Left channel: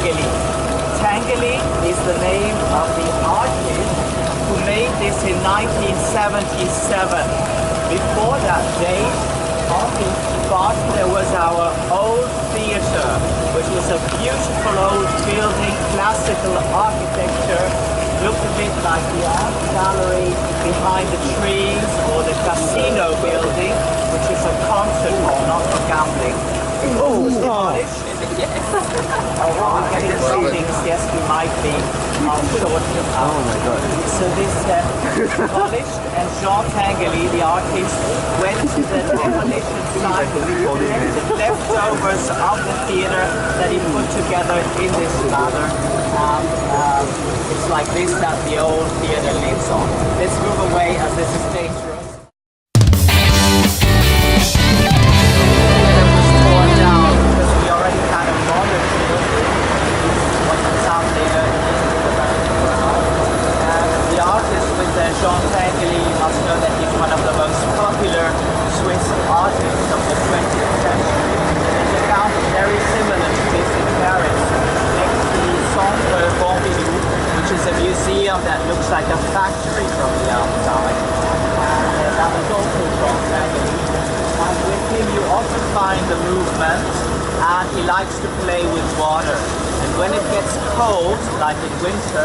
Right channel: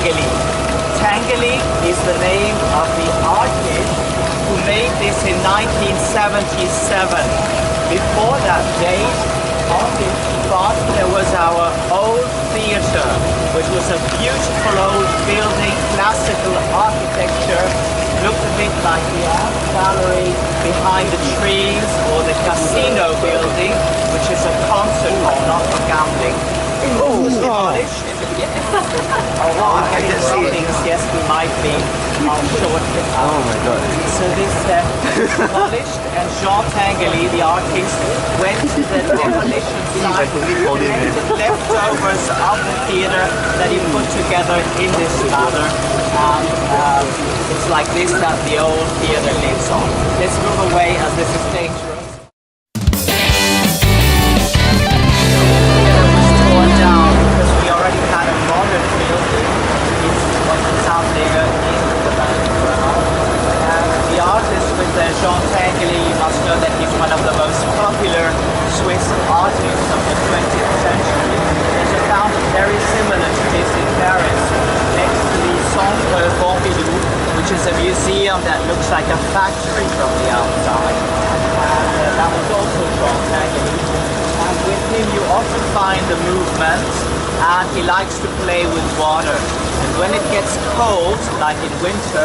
Tanguy. Tanguy is the name of the artist who made this in 1977. Before that date, on this spot there was our old theater, which was a beautiful old building, classical architecture, looked a bit like the art gallery behind the trees, or the casino building, which is a concert hall, not for gambling. Oh, demolished. Oh, wow, getting the things, yes, we might be on short. Oh my god. So this demolished, and Jean Tanguy, the artist, went to the demolition site with the leftovers of the theater that he put together in this manner. And it's like this that the old theater lives on. Let's move away as this is dangerous. Jean Tanguy, you must know that he's one of the most popular Swiss artists of the 20th century. There's a fountain very similar to this in Paris, next to the Centre Pompidou, which is a museum that looks like a factory from the outside. And that was also Jean Tanguy. And with him you often find the movement, and he likes to play with water. And when it gets cold, like in winter,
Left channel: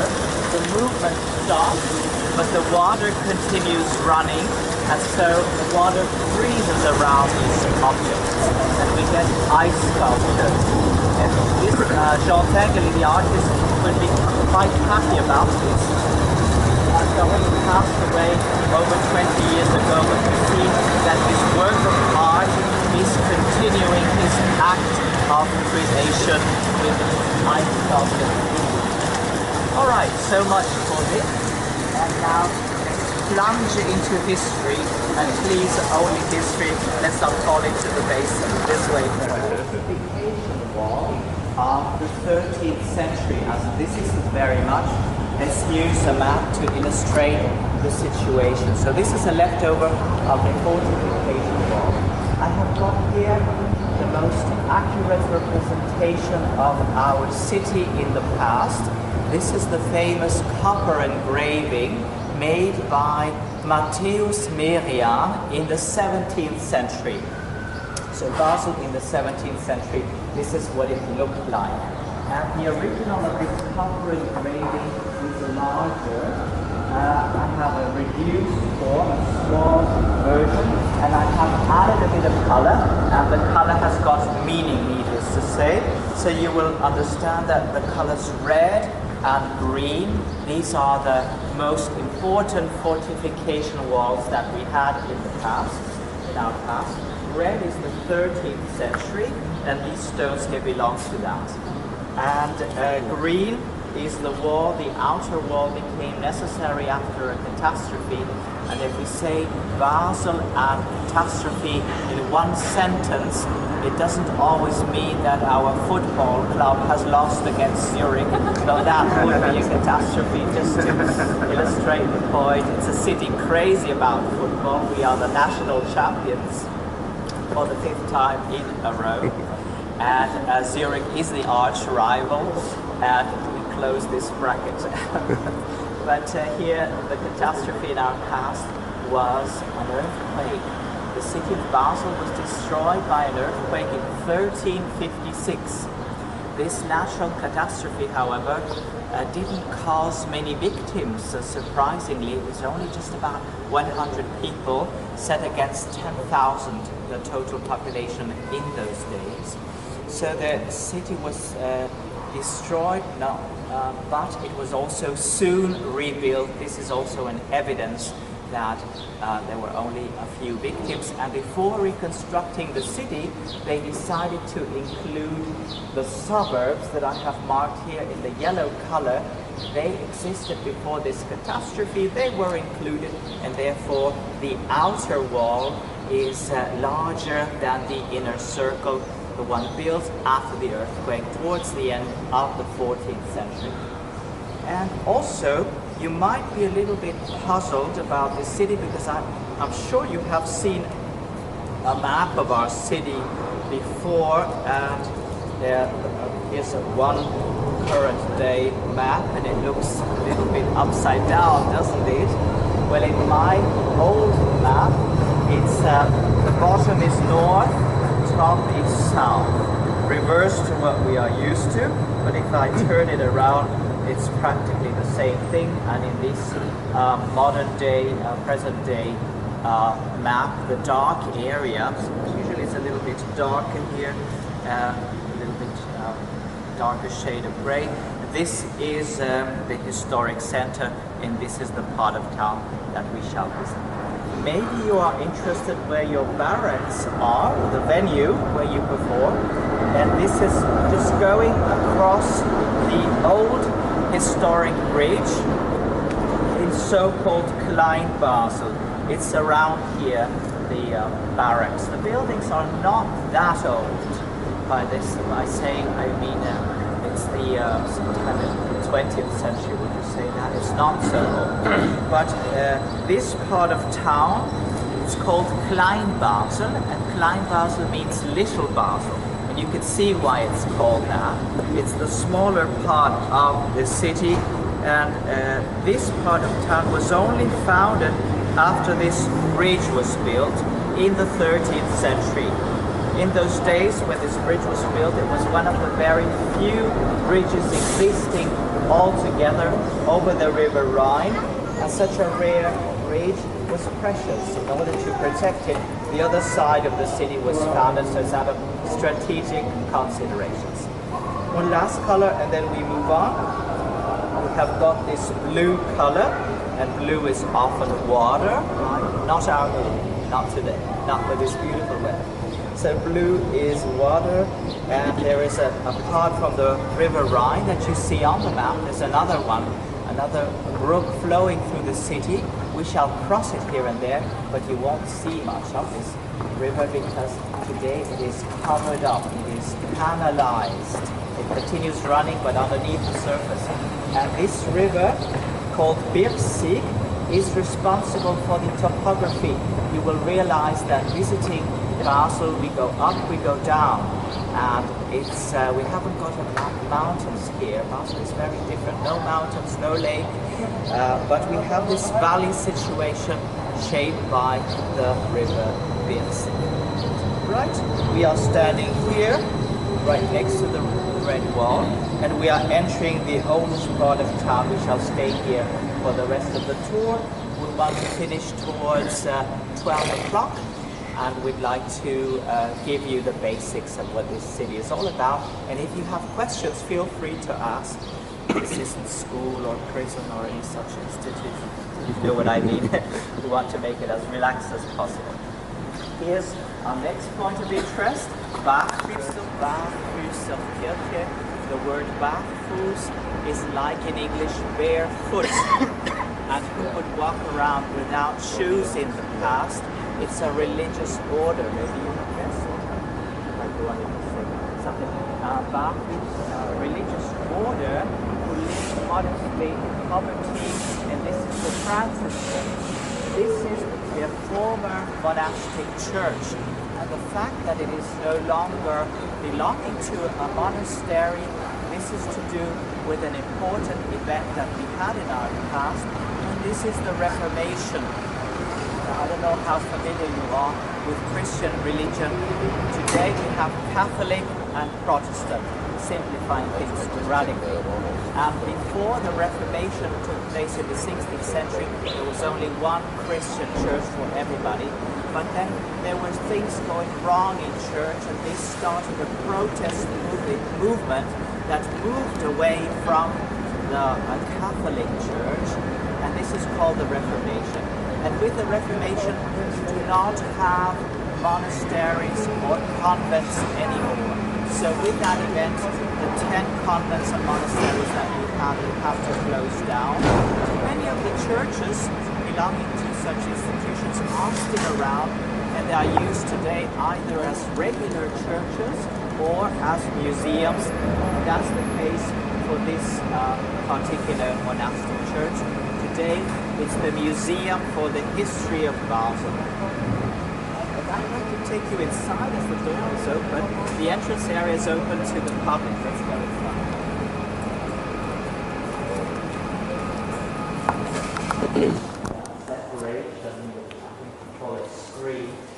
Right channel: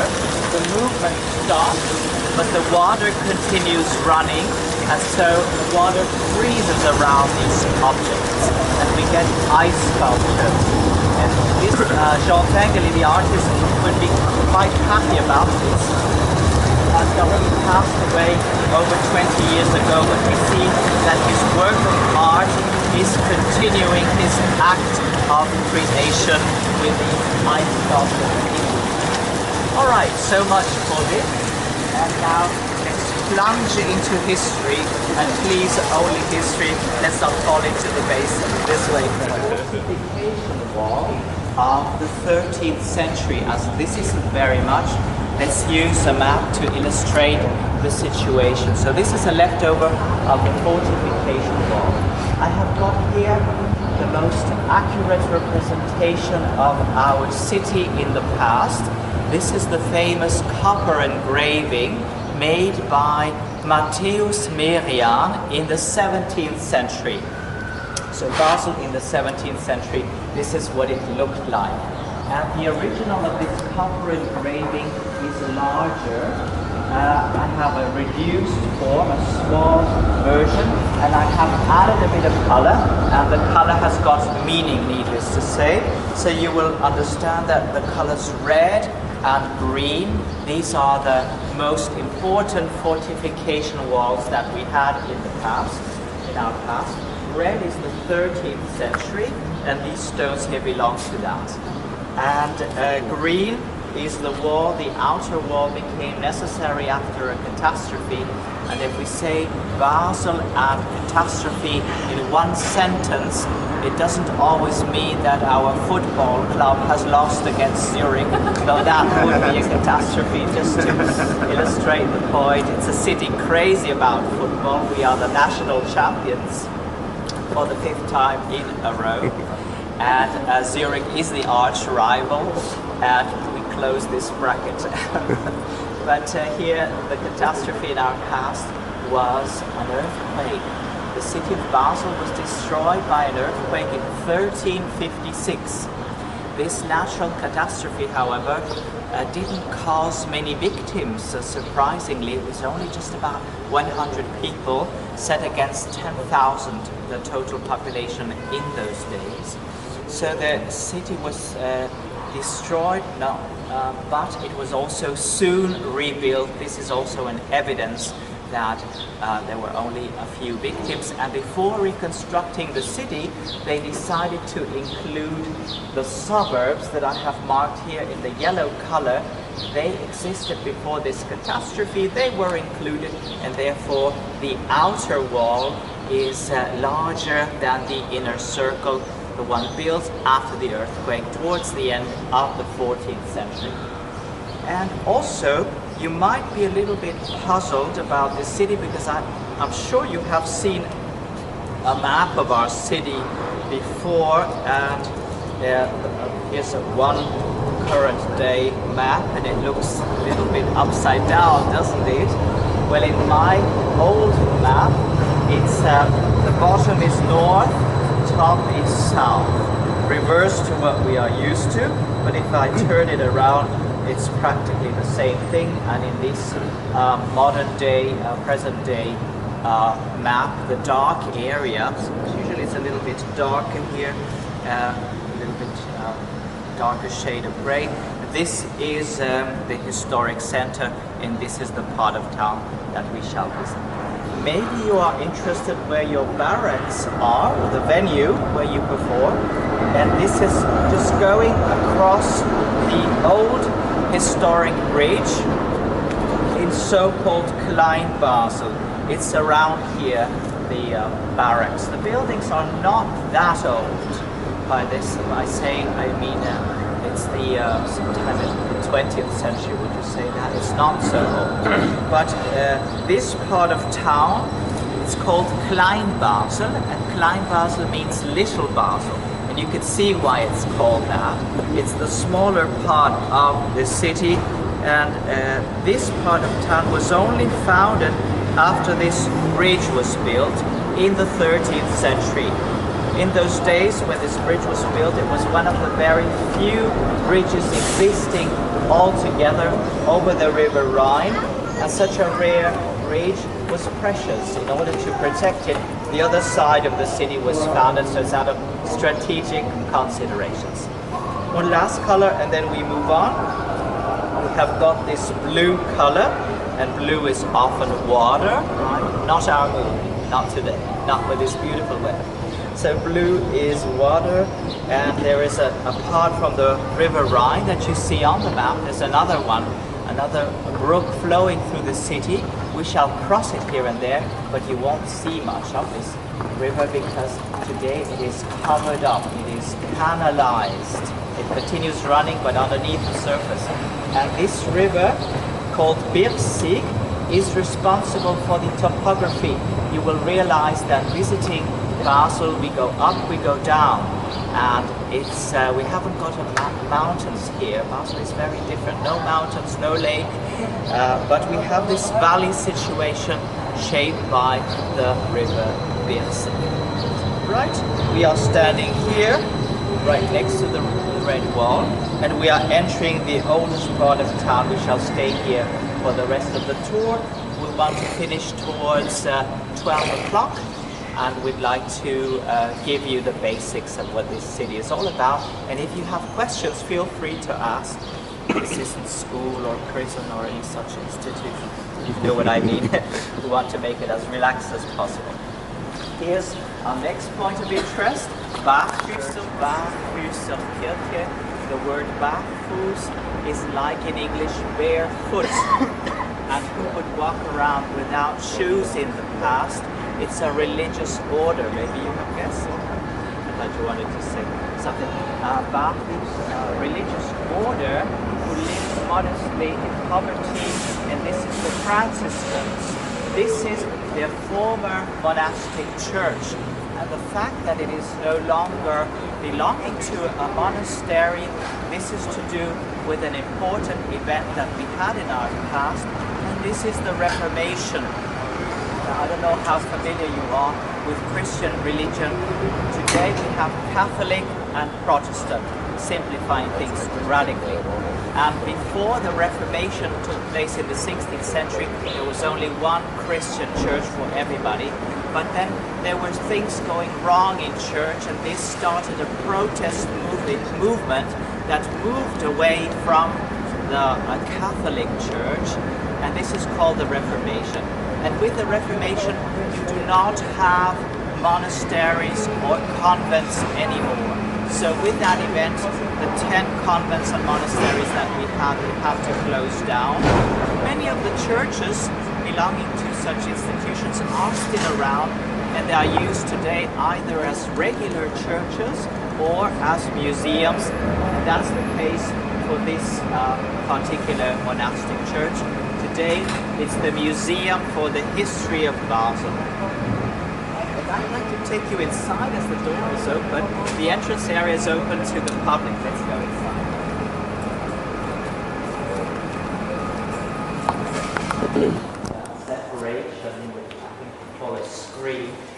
the movement stops, but the water continues running, and so the water freezes around these objects, and we get ice sculptures. And this Jean Tanguy, the artist, would be quite happy about this. He already passed away over 20 years ago, but we see that his work of art is continuing his act of creation with these ice sculptures. All right, so much for this. And now let's plunge into history, and please only history, let's not fall into the basin this way. The fortification wall of the 13th century, as this isn't very much, let's use a map to illustrate the situation. So this is a leftover of the fortification wall. I have got here the most accurate representation of our city in the past. This is the famous copper engraving made by Matthäus Merian in the 17th century. So Basel in the 17th century, this is what it looked like. And the original of this copper engraving is larger. I have a reduced form, a small version, and I have added a bit of color, and the color has got meaning, needless to say. So you will understand that the colors red and green, these are the most important fortification walls that we had in the past, in our past. Red is the 13th century, and these stones here belong to that. And green is the wall, the outer wall became necessary after a catastrophe. And if we say Basel and catastrophe in one sentence, it doesn't always mean that our football club has lost against Zurich, though that would be a catastrophe. Just to illustrate the point, it's a city crazy about football. We are the national champions for the 5th time in a row, and Zurich is the arch rival, and we close this bracket. But here, the catastrophe in our past was an earthquake. The city of Basel was destroyed by an earthquake in 1356. This natural catastrophe, however, didn't cause many victims. Surprisingly, it was only just about 100 people, set against 10,000, the total population in those days. So the city was destroyed, but it was also soon rebuilt. This is also an evidence that there were only a few victims, and before reconstructing the city, they decided to include the suburbs that I have marked here in the yellow color. They existed before this catastrophe, they were included, and therefore the outer wall is larger than the inner circle, the one built after the earthquake towards the end of the 14th century. And also, you might be a little bit puzzled about this city, because I'm sure you have seen a map of our city before, and here's one current day map, and it looks a little bit upside down, doesn't it? Well, in my old map, it's the bottom is north, top is south. Reverse to what we are used to, but if I turn it around, it's practically the same thing. And in this modern day, present day map, the dark area, usually it's a little bit dark in here, a little bit darker shade of gray. This is the historic center, and this is the part of town that we shall visit. Maybe you are interested where your barracks are, or the venue where you perform, and this is just going across the old historic bridge in so-called Klein Basel. It's around here, the barracks. The buildings are not that old. By this, by saying, I mean it's the sometime in the 20th century, would you say that? It's not so old. But this part of town, it's called Klein Basel, and Klein Basel means Little Basel. And you can see why it's called that. It's the smaller part of the city, and this part of town was only founded after this bridge was built in the 13th century. In those days when this bridge was built, it was one of the very few bridges existing altogether over the river Rhine, and such a rare bridge was precious. In order to protect it, the other side of the city was founded, so it's out of strategic considerations. One last color and then we move on. We have got this blue color, and blue is often water, right? Not our moon, not today, not with this beautiful weather. So blue is water, and there is apart from the river Rhine that you see on the map, there's another one, another brook flowing through the city. We shall cross it here and there, but you won't see much of this river because today it is covered up, it is canalized. It continues running, but underneath the surface. And this river, called Birsig, is responsible for the topography. You will realize that visiting Basel, we go up, we go down, and it's we haven't got mountains here. Basel is very different. No mountains, no lake, but we have this valley situation shaped by the river Birsig. Right, we are standing here, right next to the red wall, and we are entering the oldest part of town. We shall stay here for the rest of the tour. We want to finish towards 12 o'clock. And we'd like to give you the basics of what this city is all about. And if you have questions, feel free to ask. This isn't school or prison or any such institution. You know what I mean? We want to make it as relaxed as possible. Here's our next point of interest, Barfuß of Kirche. The word Barfuß is like in English barefoot. And who would walk around without shoes in the past? It's a religious order. Maybe you have guessed that you wanted to say something. Barfuß, a religious order who live modestly in poverty, and this is the Franciscans. This is their former monastic church, and the fact that it is no longer belonging to a monastery, this is to do with an important event that we had in our past, and this is the Reformation. I don't know how familiar you are with Christian religion. Today we have Catholic and Protestant, simplifying things radically. And before the Reformation took place in the 16th century, there was only one Christian church for everybody. But then there were things going wrong in church, and this started a protest movement that moved away from the Catholic Church, and this is called the Reformation. And with the Reformation, you do not have monasteries or convents anymore. So with that event, the 10 convents and monasteries that we have to close down. Many of the churches belonging to such institutions are still around, and they are used today either as regular churches or as museums. That's the case for this particular monastic church. Today, it's the Museum for the History of Basel. I'd like to take you inside as the door is open. The entrance area is open to the public. Let's go inside.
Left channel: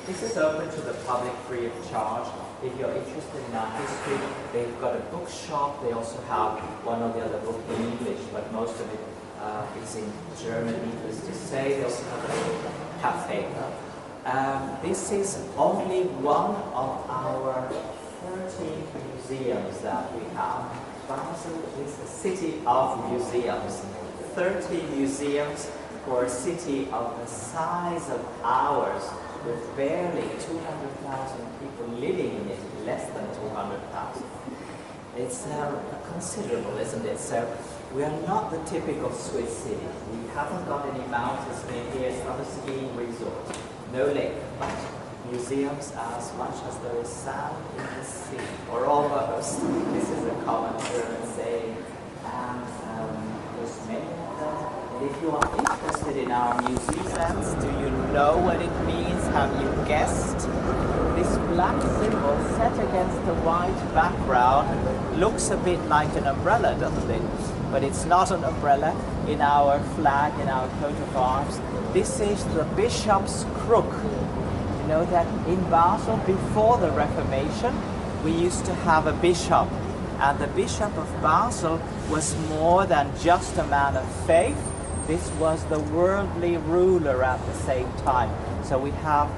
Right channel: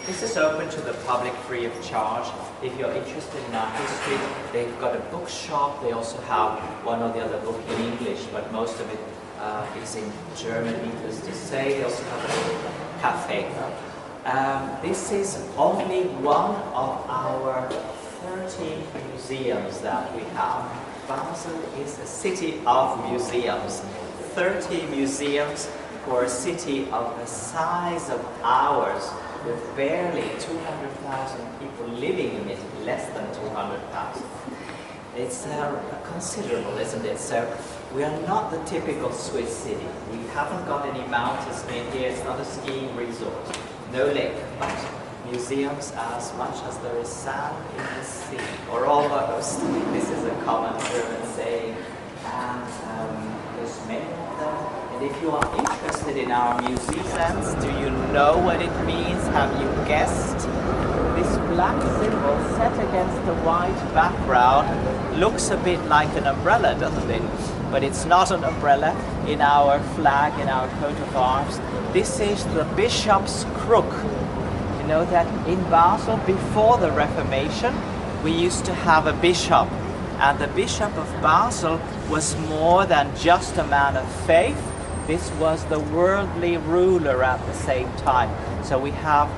This is open to the public free of charge. If you're interested in our history, they've got a bookshop. They also have one or the other book in English, but most of it is in German, needless to say. They also have a cafe. This is only one of our 30 museums that we have. Basel is a city of museums. 30 museums for a city of the size of ours, with barely 200,000 people living in it, less than 200,000. It's considerable, isn't it? So we are not the typical Swiss city. We haven't got any mountains near here. It's not a skiing resort. No lake, but museums as much as there is sand in the sea, or almost. This is a common German saying, and there's many of them. And if you are interested in our museums, do you know what it means? Have you guessed? This black symbol set against the white background looks a bit like an umbrella, doesn't it? But it's not an umbrella in our flag, in our coat of arms. This is the bishop's crook. You know that in Basel, before the Reformation, we used to have a bishop. And the Bishop of Basel was more than just a man of faith. This was the worldly ruler at the same time. So we have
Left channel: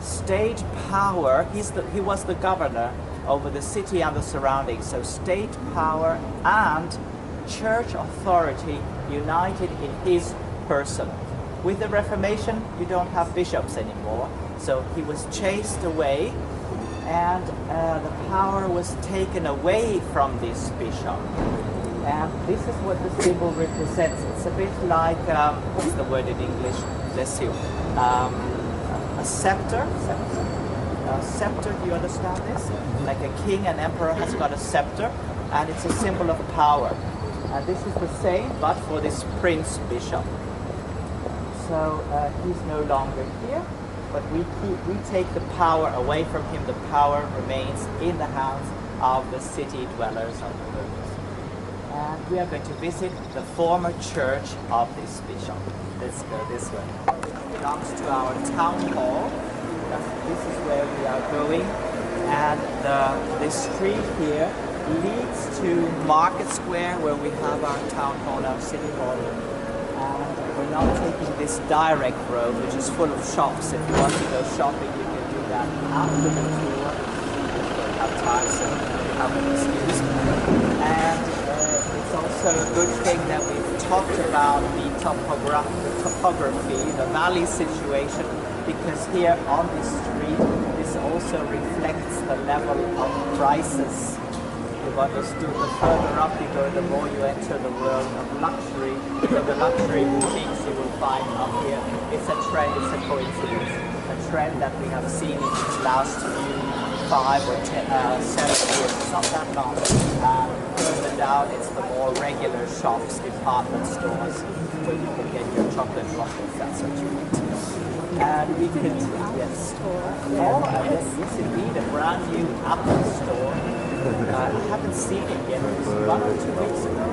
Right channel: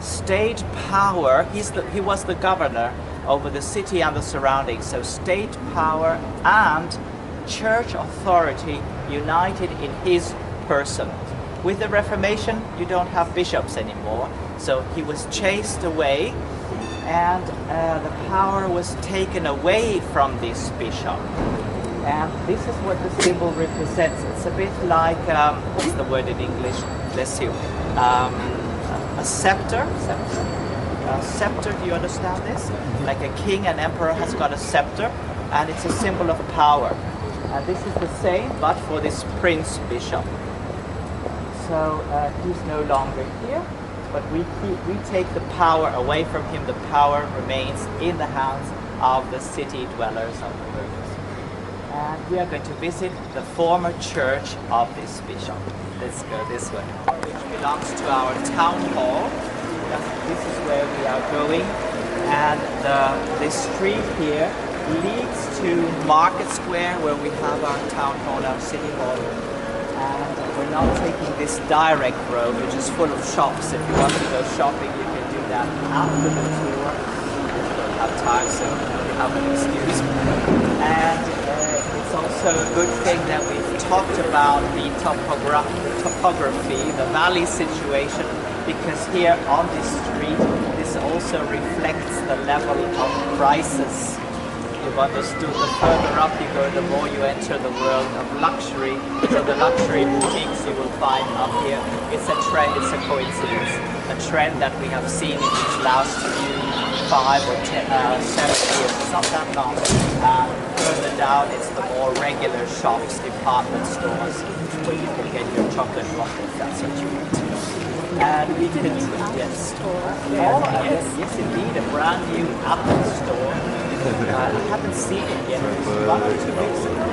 state power. He was the governor over the city and the surroundings. So state power and church authority united in his person. With the Reformation, you don't have bishops anymore. So he was chased away, and the power was taken away from this bishop. And this is what the symbol represents. It's a bit like, what's the word in English? Bless you. A scepter. Scepter, do you understand this? Like a king, an emperor has got a scepter, and it's a symbol of power. And this is the same, but for this prince bishop. So he's no longer here, but we take the power away from him. The power remains in the hands of the city dwellers, of the burghers. And we are going to visit the former church of this bishop. Let's go this way. Which belongs to our town hall. This is where we are going. And this street here leads to Market Square, where we have our town hall, our city hall. And we're not taking this direct road, which is full of shops. If you want to go shopping, you can do that after the tour. We don't have time, so you have an excuse. And it's also a good thing that we've talked about the topography, the valley situation, because here on this street, this also reflects the level of prices. You've understood, the further up you go, the more you enter the world of luxury. So the luxury boutiques you will find up here, it's a trend, it's a coincidence. A trend that we have seen in these last few 5 or 10, 7 years, it's not that long. Further down, it's the more regular shops, department stores, where you can get your chocolate waffles, that's what you want. And we could, yes, yes indeed, a brand new Apple store. I haven't seen it yet. It was 1 or 2 weeks ago.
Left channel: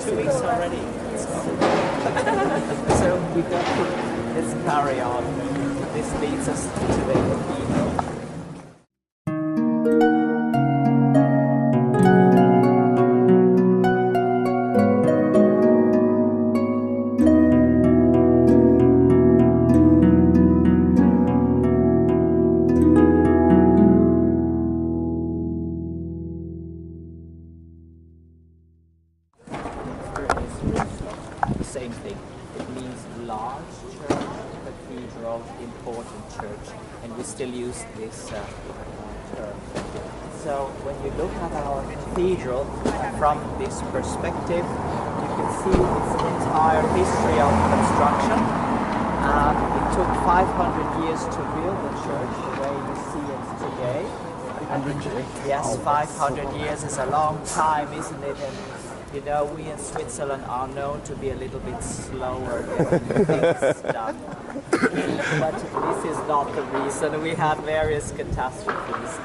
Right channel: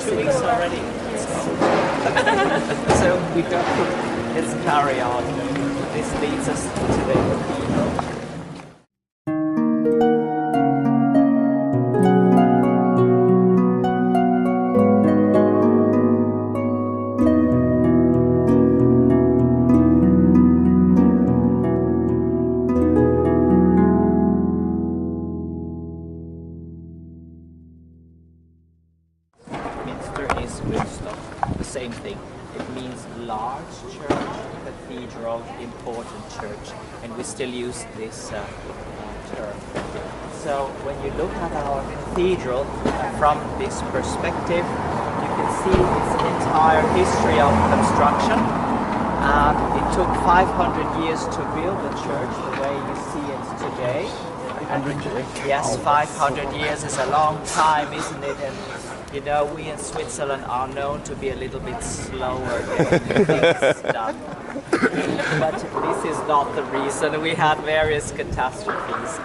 2 weeks already. So we don't. Let's carry on. This leads us to the cathedral. Same thing. It means large church, cathedral, important church, and we still use this term. So when you look at our cathedral from this perspective, you can see its entire history of construction. It took 500 years to build the church the way you see it today. Yes, 500 years is a long time, isn't it? And you know, we in Switzerland are known to be a little bit slower getting things done. But this is not the reason. We had various catastrophes.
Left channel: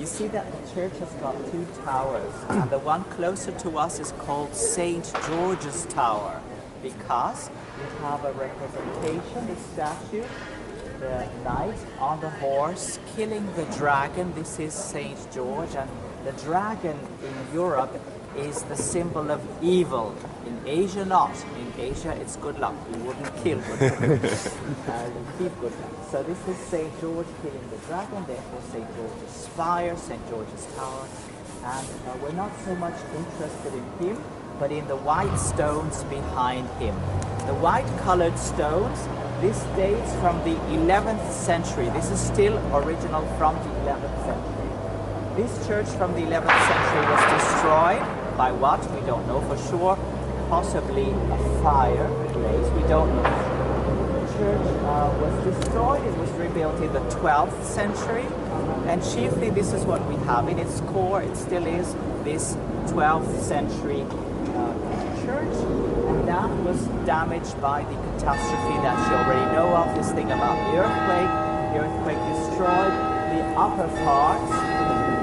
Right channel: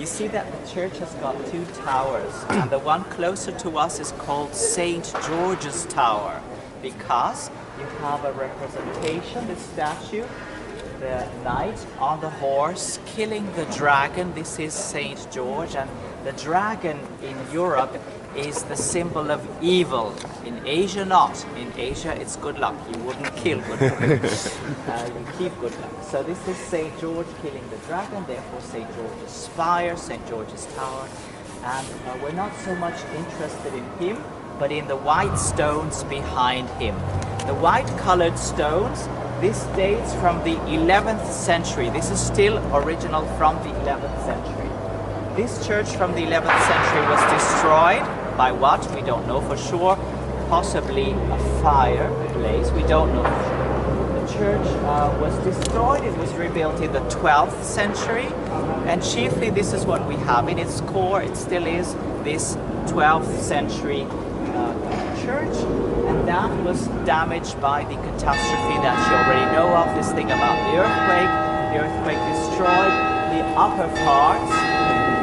You see that the church has got 2 towers, and the one closer to us is called St. George's Tower, because you have a representation, the statue, the knight on the horse killing the dragon. This is Saint George, and the dragon in Europe is the symbol of evil. In Asia, not. In Asia, it's good luck. You wouldn't kill good luck. You keep good luck. So this is Saint George killing the dragon, therefore Saint George's spire, Saint George's tower. And we're not so much interested in him, but in the white stones behind him. The white-colored stones, this dates from the 11th century. This is still original from the 11th century. This church from the 11th century was destroyed by what? We don't know for sure. Possibly a fire blaze. We don't know for sure. The church was destroyed. It was rebuilt in the 12th century. And chiefly this is what we have in its core. It still is this 12th century church. And that was damaged by the catastrophe that you already know of. This thing about the earthquake. The earthquake destroyed the upper parts.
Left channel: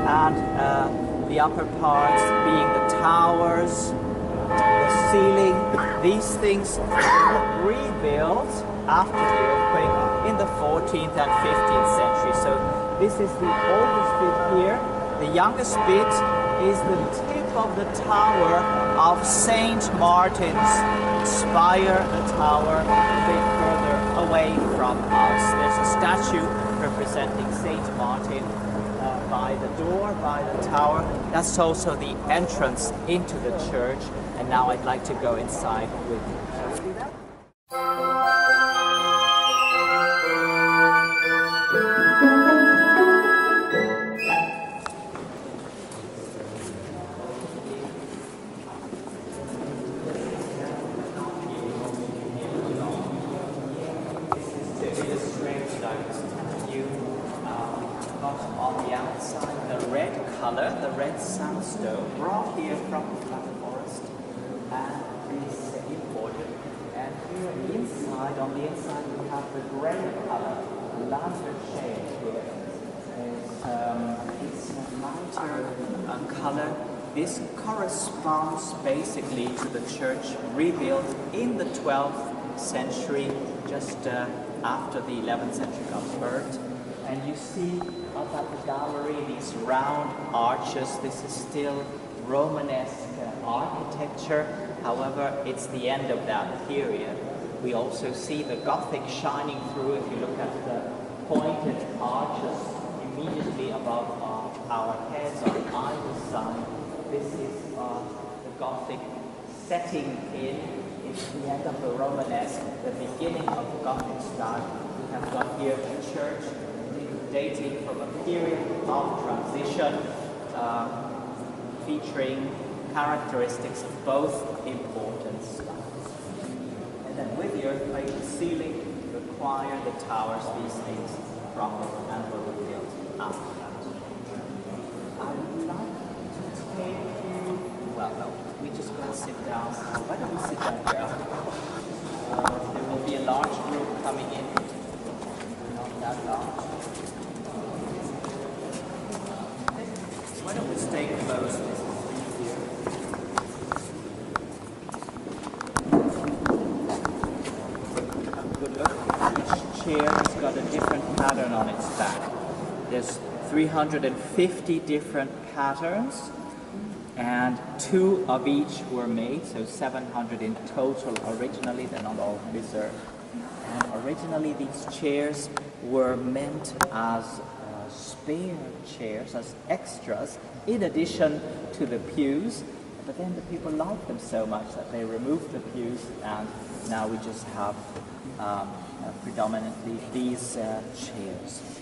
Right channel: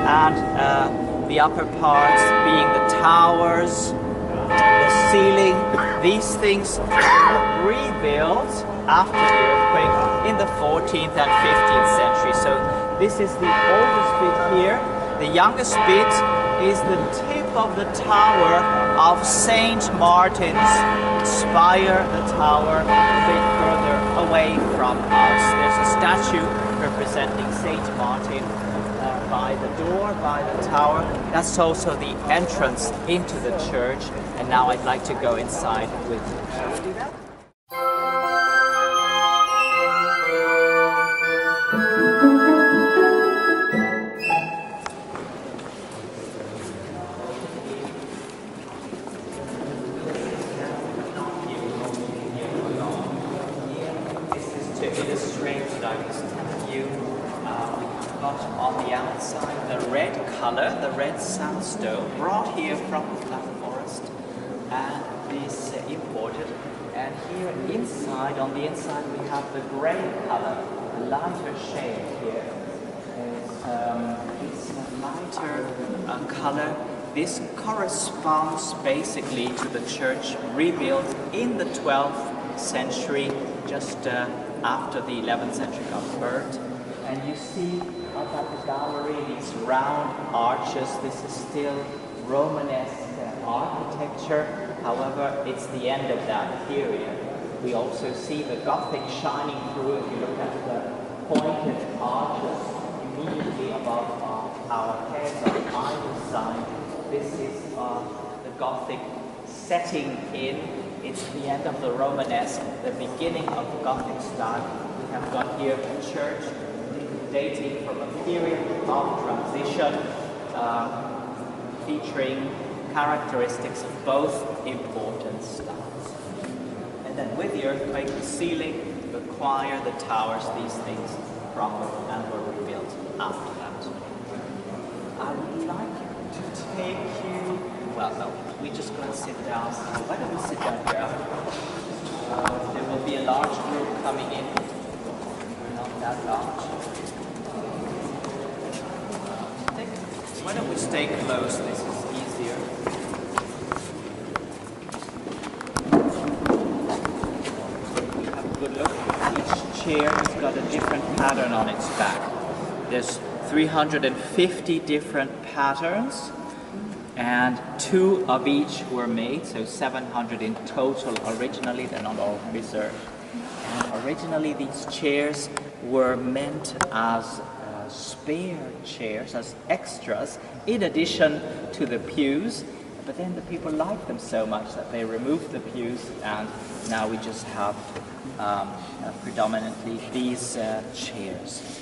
And the upper parts being the towers, the ceiling, these things were rebuilt after the earthquake in the 14th and 15th century. So this is the oldest bit here. The youngest bit is the tip of the tower of St. Martin's spire, the tower a bit further away from us. There's a statue representing St. Martin by the door, by the tower. That's also the entrance into the church. And now I'd like to go inside with you. Shall we do that? This is to illustrate what I was telling you. On the outside, the red color, the red sandstone, brought here from the Black Forest, and this imported. And here inside, on the inside, we have the gray color, the lighter shade here. It's a lighter color. This corresponds basically to the church rebuilt in the 12th century, just after the 11th century got burnt. And you see up at the gallery these round arches. This is still Romanesque architecture. However, it's the end of that period. We also see the Gothic shining through. If you look at the pointed arches immediately above our heads on either side, this is the Gothic setting in. It's the end of the Romanesque, the beginning of the Gothic style. We have got here a church dating from a period of transition, featuring characteristics of both important styles. And then with the earthquake, the ceiling, the choir, the towers, these things crumbled and were rebuilt after that. I would like to take you, well no, we just go and sit down. Why don't we sit down here? There will be a large group coming in, not that large. Why don't we stay close? This is easier. Have a good look. Each chair has got a different pattern on its back. There's 350 different patterns, and 2 of each were made, so 700 in total originally. They're not all preserved. And originally these chairs were meant as spare chairs, as extras, in addition to the pews, but then the people liked them so much that they removed the pews, and now we just have predominantly these chairs.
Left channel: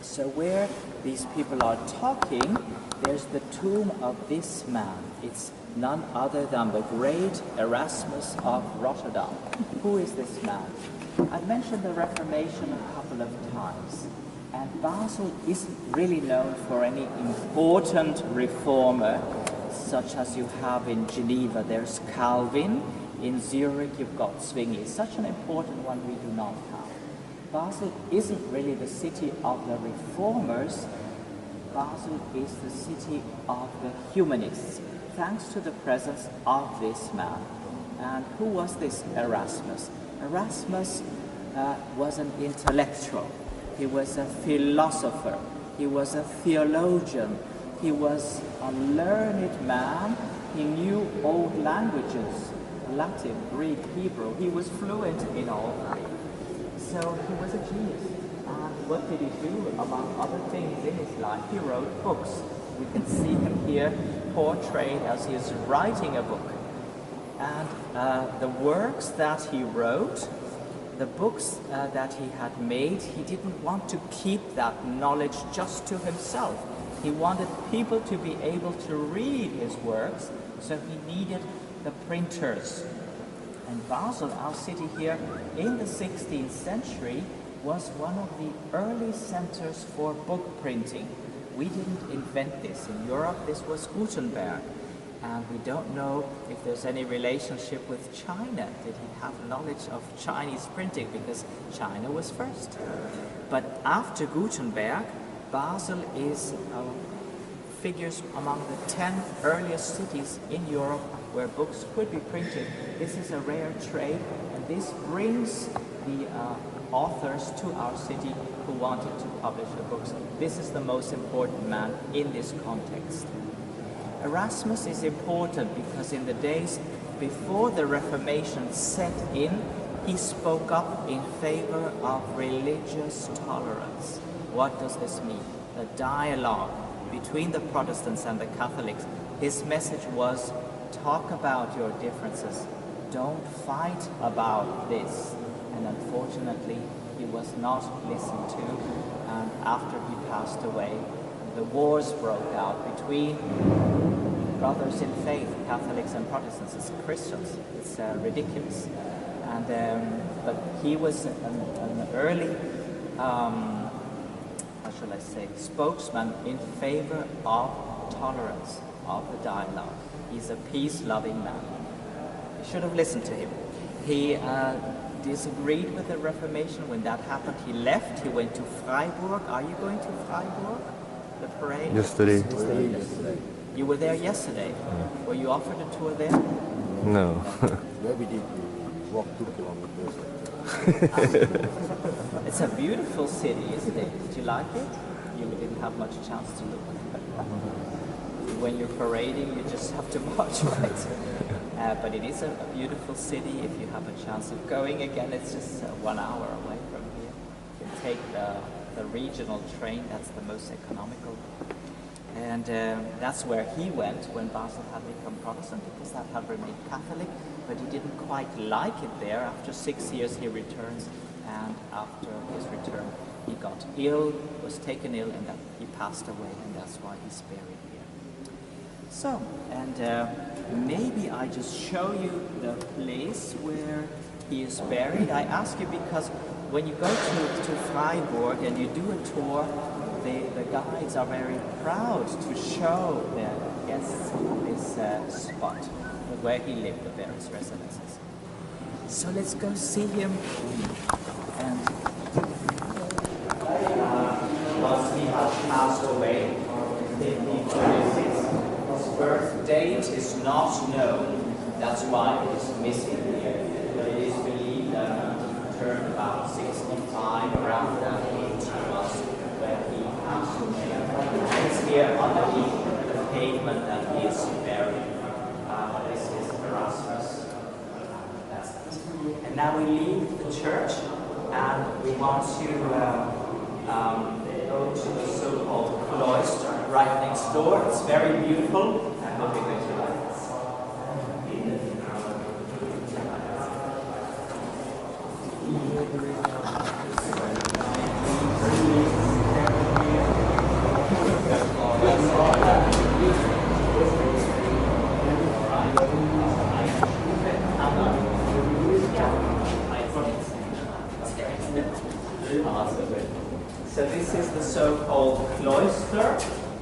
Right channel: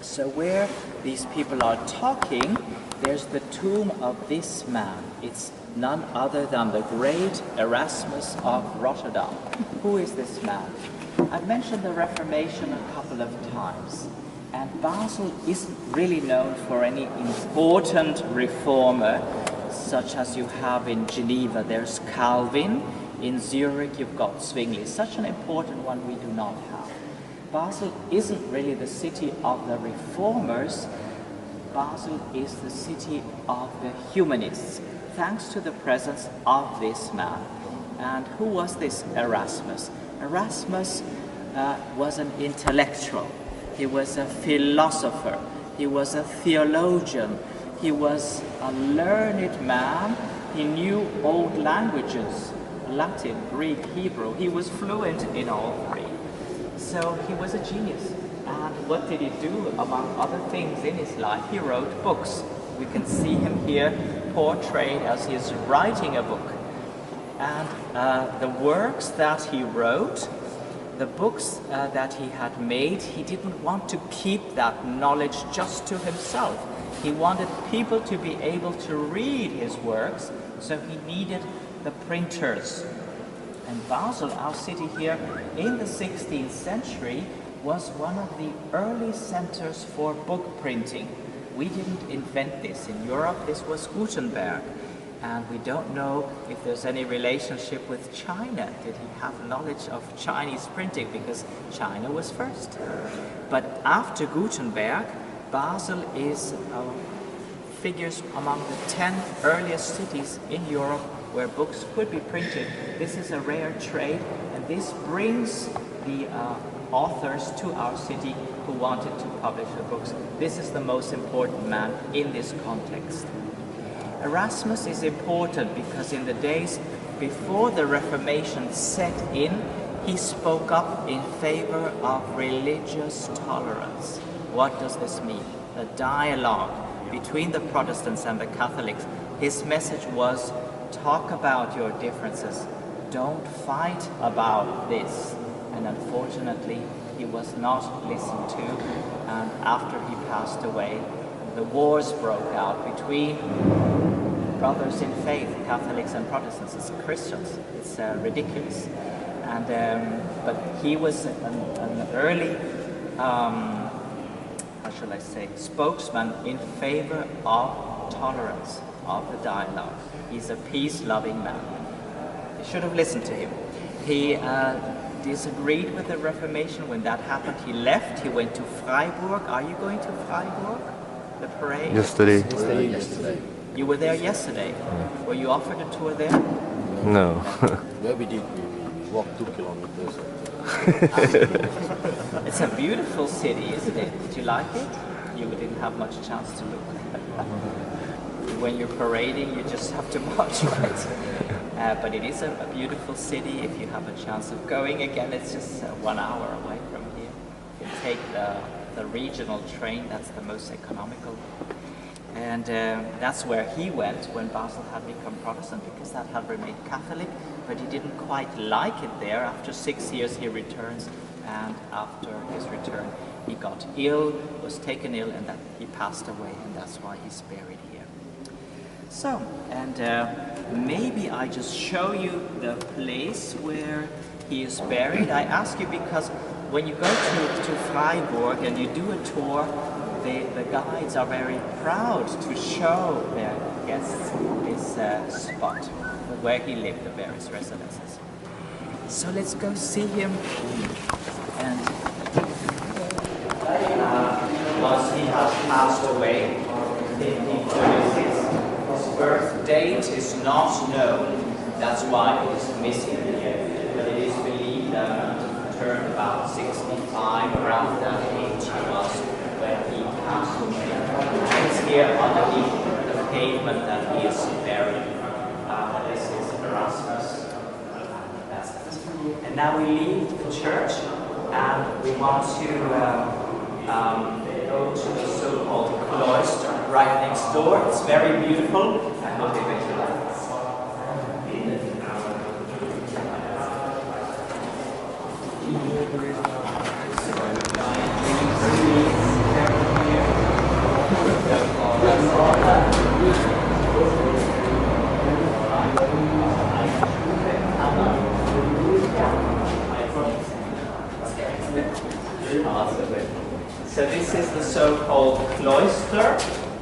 So where these people are talking, there's the tomb of this man. It's none other than the great Erasmus of Rotterdam. Who is this man? I've mentioned the Reformation a couple of times. And Basel isn't really known for any important reformer, such as you have in Geneva. There's Calvin. In Zurich, you've got Zwingli. Such an important one we do not have. Basel isn't really the city of the reformers. Basel is the city of the humanists, thanks to the presence of this man. And who was this Erasmus? Erasmus was an intellectual. He was a philosopher. He was a theologian. He was a learned man. He knew old languages, Latin, Greek, Hebrew. He was fluent in all three. So he was a genius. And what did he do, among other things in his life? He wrote books. We can see him here portrayed as he is writing a book. And the works that he wrote, the books that he had made, he didn't want to keep that knowledge just to himself. He wanted people to be able to read his works, so he needed the printers. And Basel, our city here, in the 16th century, was one of the early centers for book printing. We didn't invent this. In Europe, this was Gutenberg. And we don't know if there's any relationship with China. Did he have knowledge of Chinese printing? Because China was first. But after Gutenberg, Basel figures among the 10 earliest cities in Europe where books could be printed. This is a rare trade, and this brings the authors to our city who wanted to publish the books. This is the most important man in this context. Erasmus is important because in the days before the Reformation set in, he spoke up in favor of religious tolerance. What does this mean? The dialogue between the Protestants and the Catholics. His message was, talk about your differences. Don't fight about this. And unfortunately, he was not listened to. And after he passed away, the wars broke out between brothers in faith, Catholics and Protestants. It's Christians. It's ridiculous. And but he was an early, how shall I say, spokesman in favor of tolerance, of the dialogue. He's a peace-loving man. You should have listened to him. He disagreed with the Reformation. When that happened, he left. He went to Freiburg. Are you going to Freiburg? The parade? Yesterday. You were there yesterday. Were you offered a tour there? No. Where we did, we walked 2 kilometers. It's a beautiful city, isn't it? Did you like it? You didn't have much chance to look. When you're parading, you just have to march, right? But it is a beautiful city. If you have a chance of going again, it's just 1 hour away from here. You can take the regional train. That's the most economical. And that's where he went when Basel had become Protestant, because that had remained Catholic, but he didn't quite like it there. After 6 years he returns, and after his return he got ill, was taken ill, and that he passed away, and that's why he's buried here. So, and maybe I just show you the place where he is buried. I ask you because when you go to Freiburg and you do a tour, the guides are very proud to show their guests this spot where he lived, the various residences. So let's go see him. And once he has passed away, his birth date is not known. That's why it is missing here. But it is believed that he turned about 65, around that age he was when he passed away. It's here underneath the pavement that he is buried. This is Erasmus. That's it. And now we leave the church and we want to go to the so-called cloister right next door. It's very beautiful. I hope you will like it. So this is the so-called cloister,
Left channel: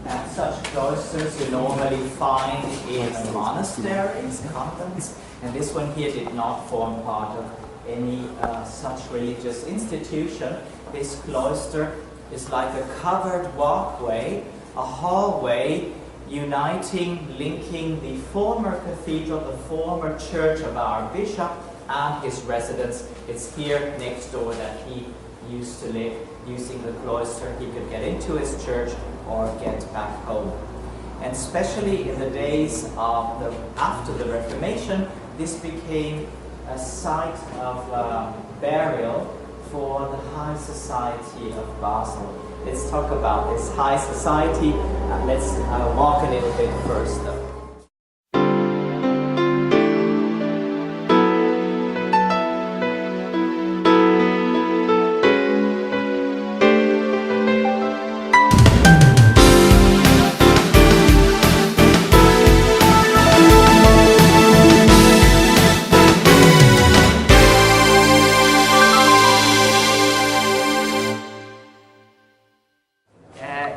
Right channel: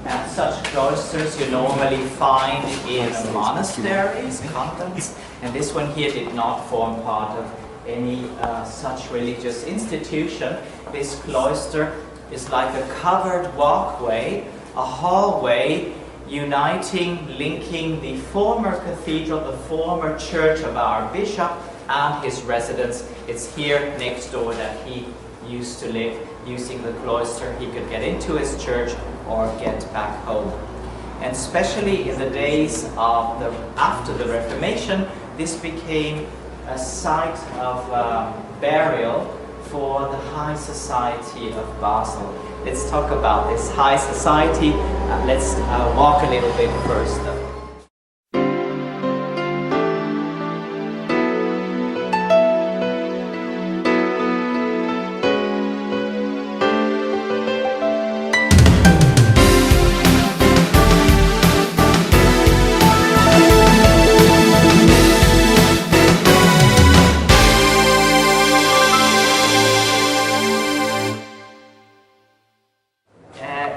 and such cloisters you normally find in monasteries, convents, and this one here did not form part of any such religious institution. This cloister is like a covered walkway, a hallway uniting, linking the former cathedral, the former church of our bishop, and his residence. It's here next door that he used to live. Using the cloister, he could get into his church or get back home. And especially in the days of after the Reformation, this became a site of burial for the high society of Basel. Let's talk about this high society. Let's walk a little bit first though.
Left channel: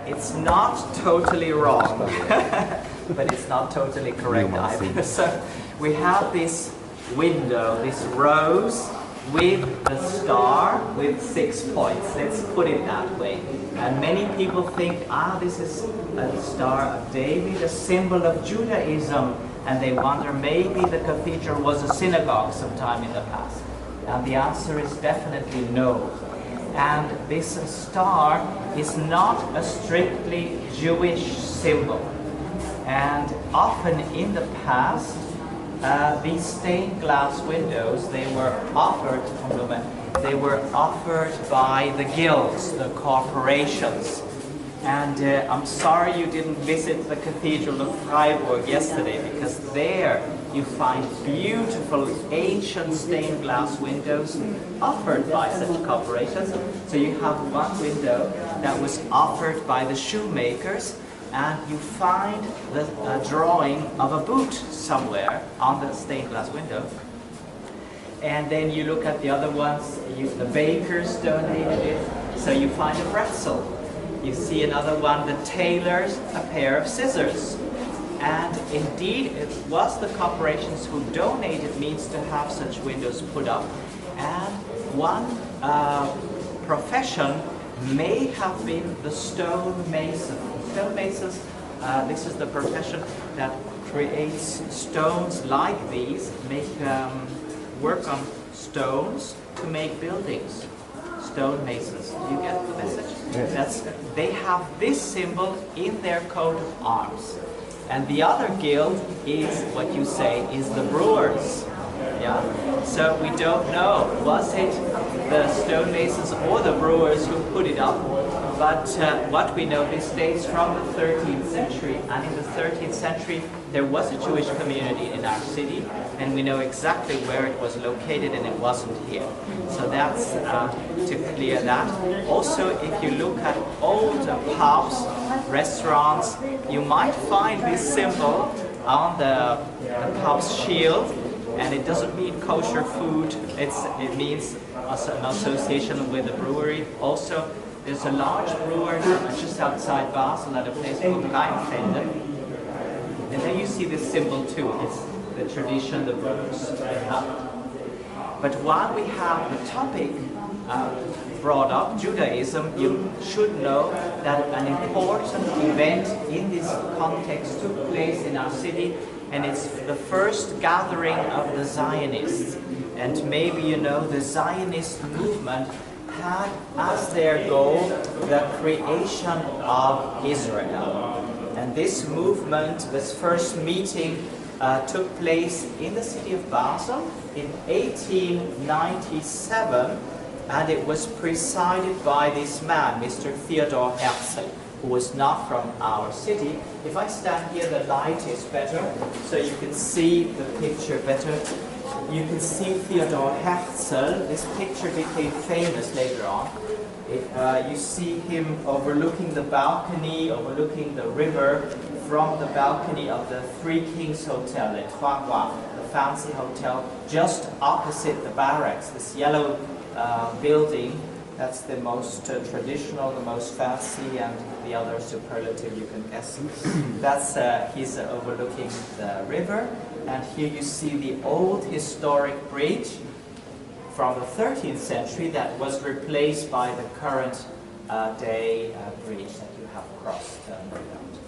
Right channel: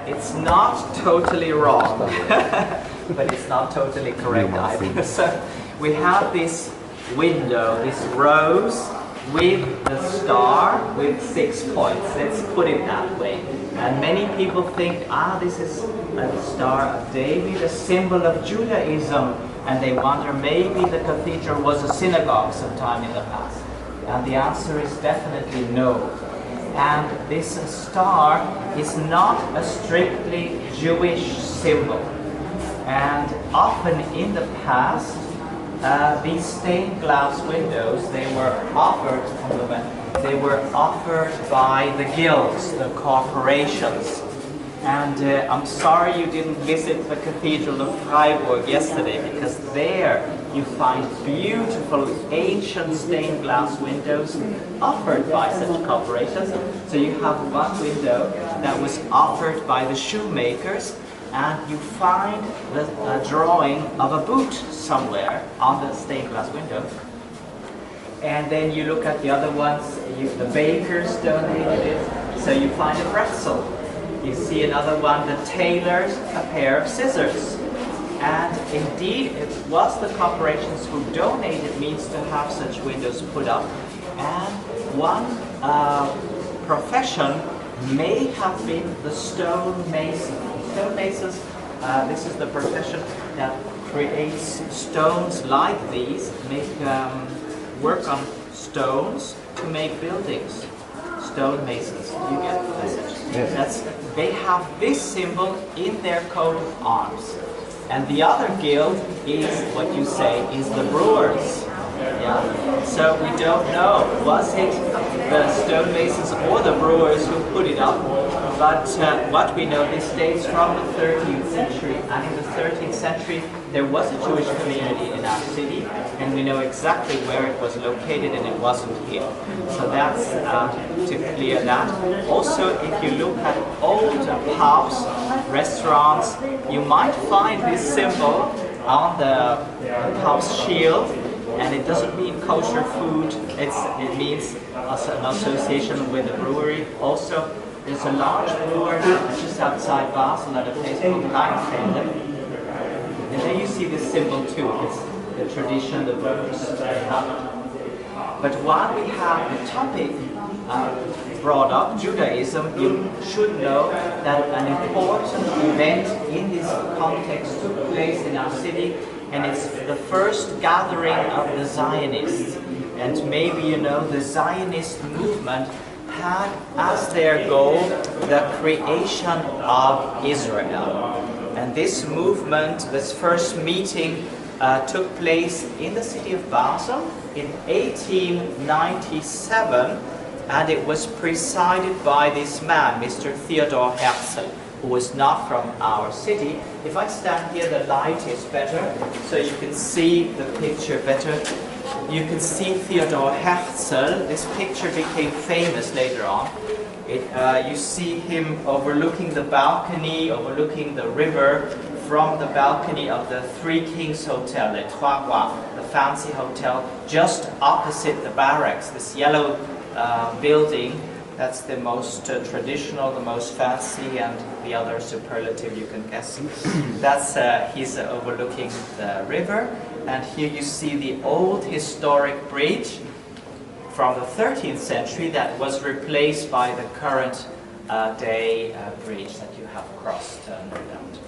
It's not totally wrong, but it's not totally correct either. So we have this window, this rose with the star with 6 points. Let's put it that way. And many people think, this is a Star of David, a symbol of Judaism, and they wonder maybe the cathedral was a synagogue sometime in the past. And the answer is definitely no. And this star is not a strictly Jewish symbol. And often in the past, these stained glass windows, they were offered by the guilds, the corporations. And I'm sorry you didn't visit the Cathedral of Freiburg yesterday, because there you find beautiful ancient stained glass windows offered by such corporations. So you have one window that was offered by the shoemakers, and you find the drawing of a boot somewhere on the stained glass window. And then you look at the other ones, the bakers donated it, so you find a pretzel. You see another one, the tailors, a pair of scissors. And indeed, it was the corporations who donated means to have such windows put up. And one profession may have been the stonemason. Stonemasons, this is the profession that creates stones like these, work on stones to make buildings. Stonemasons. Do you get the message? Yes. They have this symbol in their coat of arms. And the other guild is what you say is the brewers. Yeah. So we don't know, was it the stonemasons or the brewers who put it up? But what we know, this dates from the 13th century, and in the 13th century there was a Jewish community in our city, and we know exactly where it was located, and it wasn't here. So that's to clear that. Also, if you look at old pubs, restaurants, you might find this symbol on the pub's shield, and it doesn't mean kosher food, it means an association with a brewery. Also, there's a large brewer just outside Basel at a place called Klein Basel. And there you see this symbol too. It's the tradition the brewers have. But while we have the topic brought up, Judaism, you should know that an important event in this context took place in our city, and it's the first gathering of the Zionists. And maybe you know the Zionist movement had as their goal the creation of Israel. And this movement, this first meeting, took place in the city of Basel in 1897, and it was presided by this man, Mr. Theodor Herzl, who was not from our city. If I stand here, the light is better, so you can see the picture better. You can see Theodor Herzl. This picture became famous later on. You see him overlooking the balcony, overlooking the river, from the balcony of the Three Kings Hotel, Le Trois Rois, the fancy hotel, just opposite the barracks, this yellow building. That's the most traditional, the most fancy, and the other superlative you can guess. That's he's overlooking the river, and here you see the old historic bridge from the 13th century that was replaced by the current day bridge that you have crossed no doubt.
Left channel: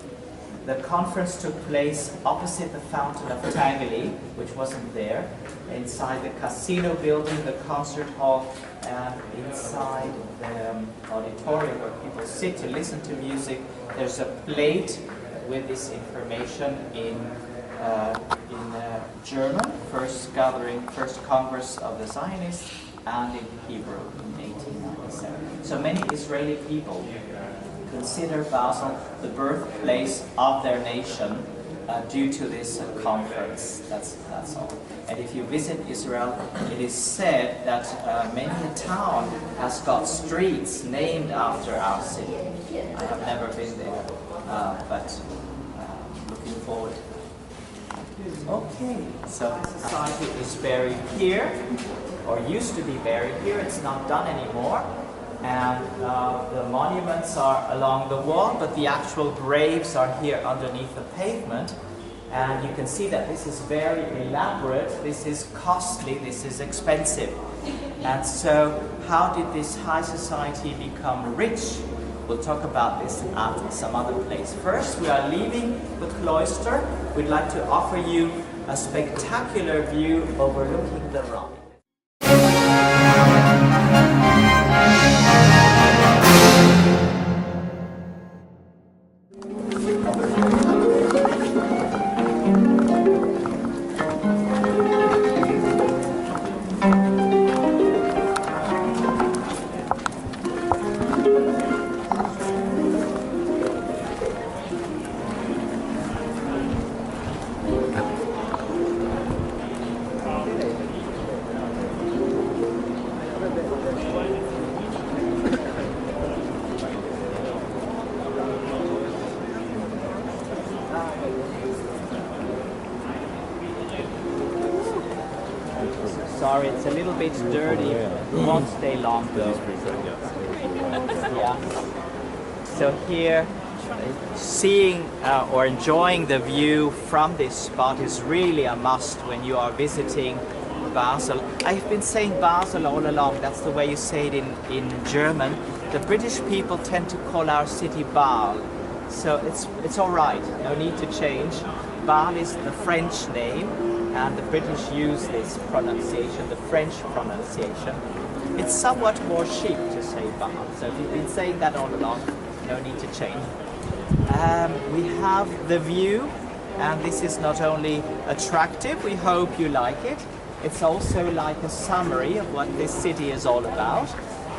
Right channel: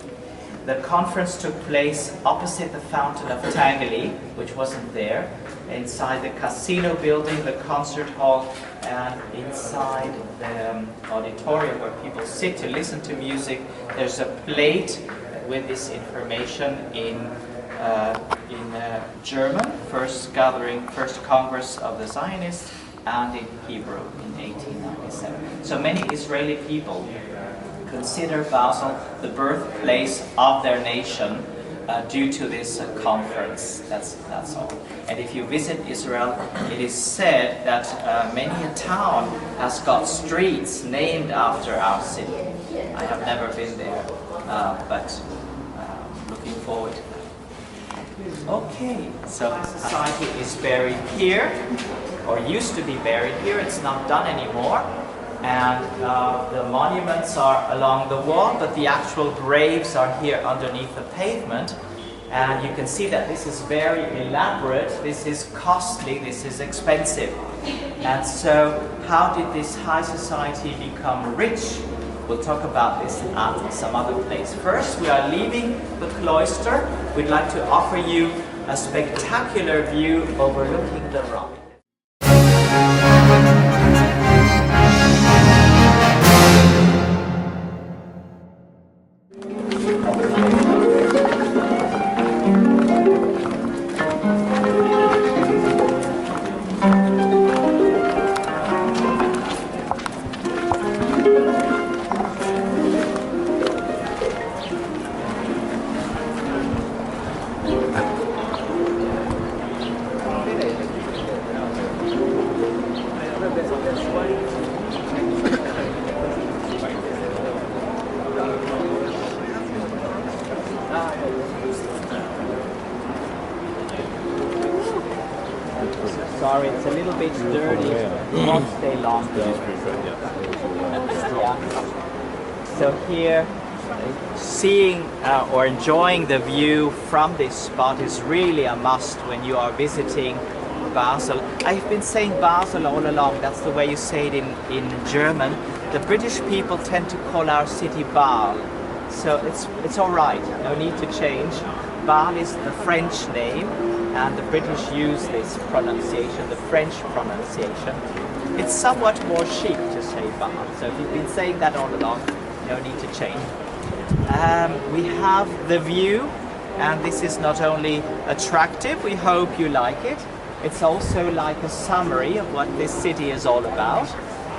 The conference took place opposite the Fountain of Tangley, which wasn't there, inside the casino building, the concert hall, and inside the auditorium where people sit to listen to music. There's a plate with this information in German, first Congress of the Zionists, and in Hebrew in 1897. So many Israeli people consider Basel the birthplace of their nation due to this conference. That's all. And if you visit Israel, it is said that many a town has got streets named after our city. I have never been there, but looking forward to that. Okay, so the society is buried here, or used to be buried here. It's not done anymore. And the monuments are along the wall, but the actual graves are here underneath the pavement. And you can see that this is very elaborate, this is costly, this is expensive. And so how did this high society become rich? We'll talk about this at some other place. First, we are leaving the cloister. We'd like to offer you a spectacular view overlooking the Rhine. Sorry, it's a little bit dirty. It won't stay long though. Yeah. So here, seeing or enjoying the view from this spot is really a must when you are visiting Basel. I've been saying Basel all along. That's the way you say it in German. The British people tend to call our city Bâle. So it's all right. No need to change. Bâle is the French name, and the British use this pronunciation, the French pronunciation. It's somewhat more chic to say Bâle, so if you've been saying that all along, no need to change. We have the view, and this is not only attractive, we hope you like it, it's also like a summary of what this city is all about.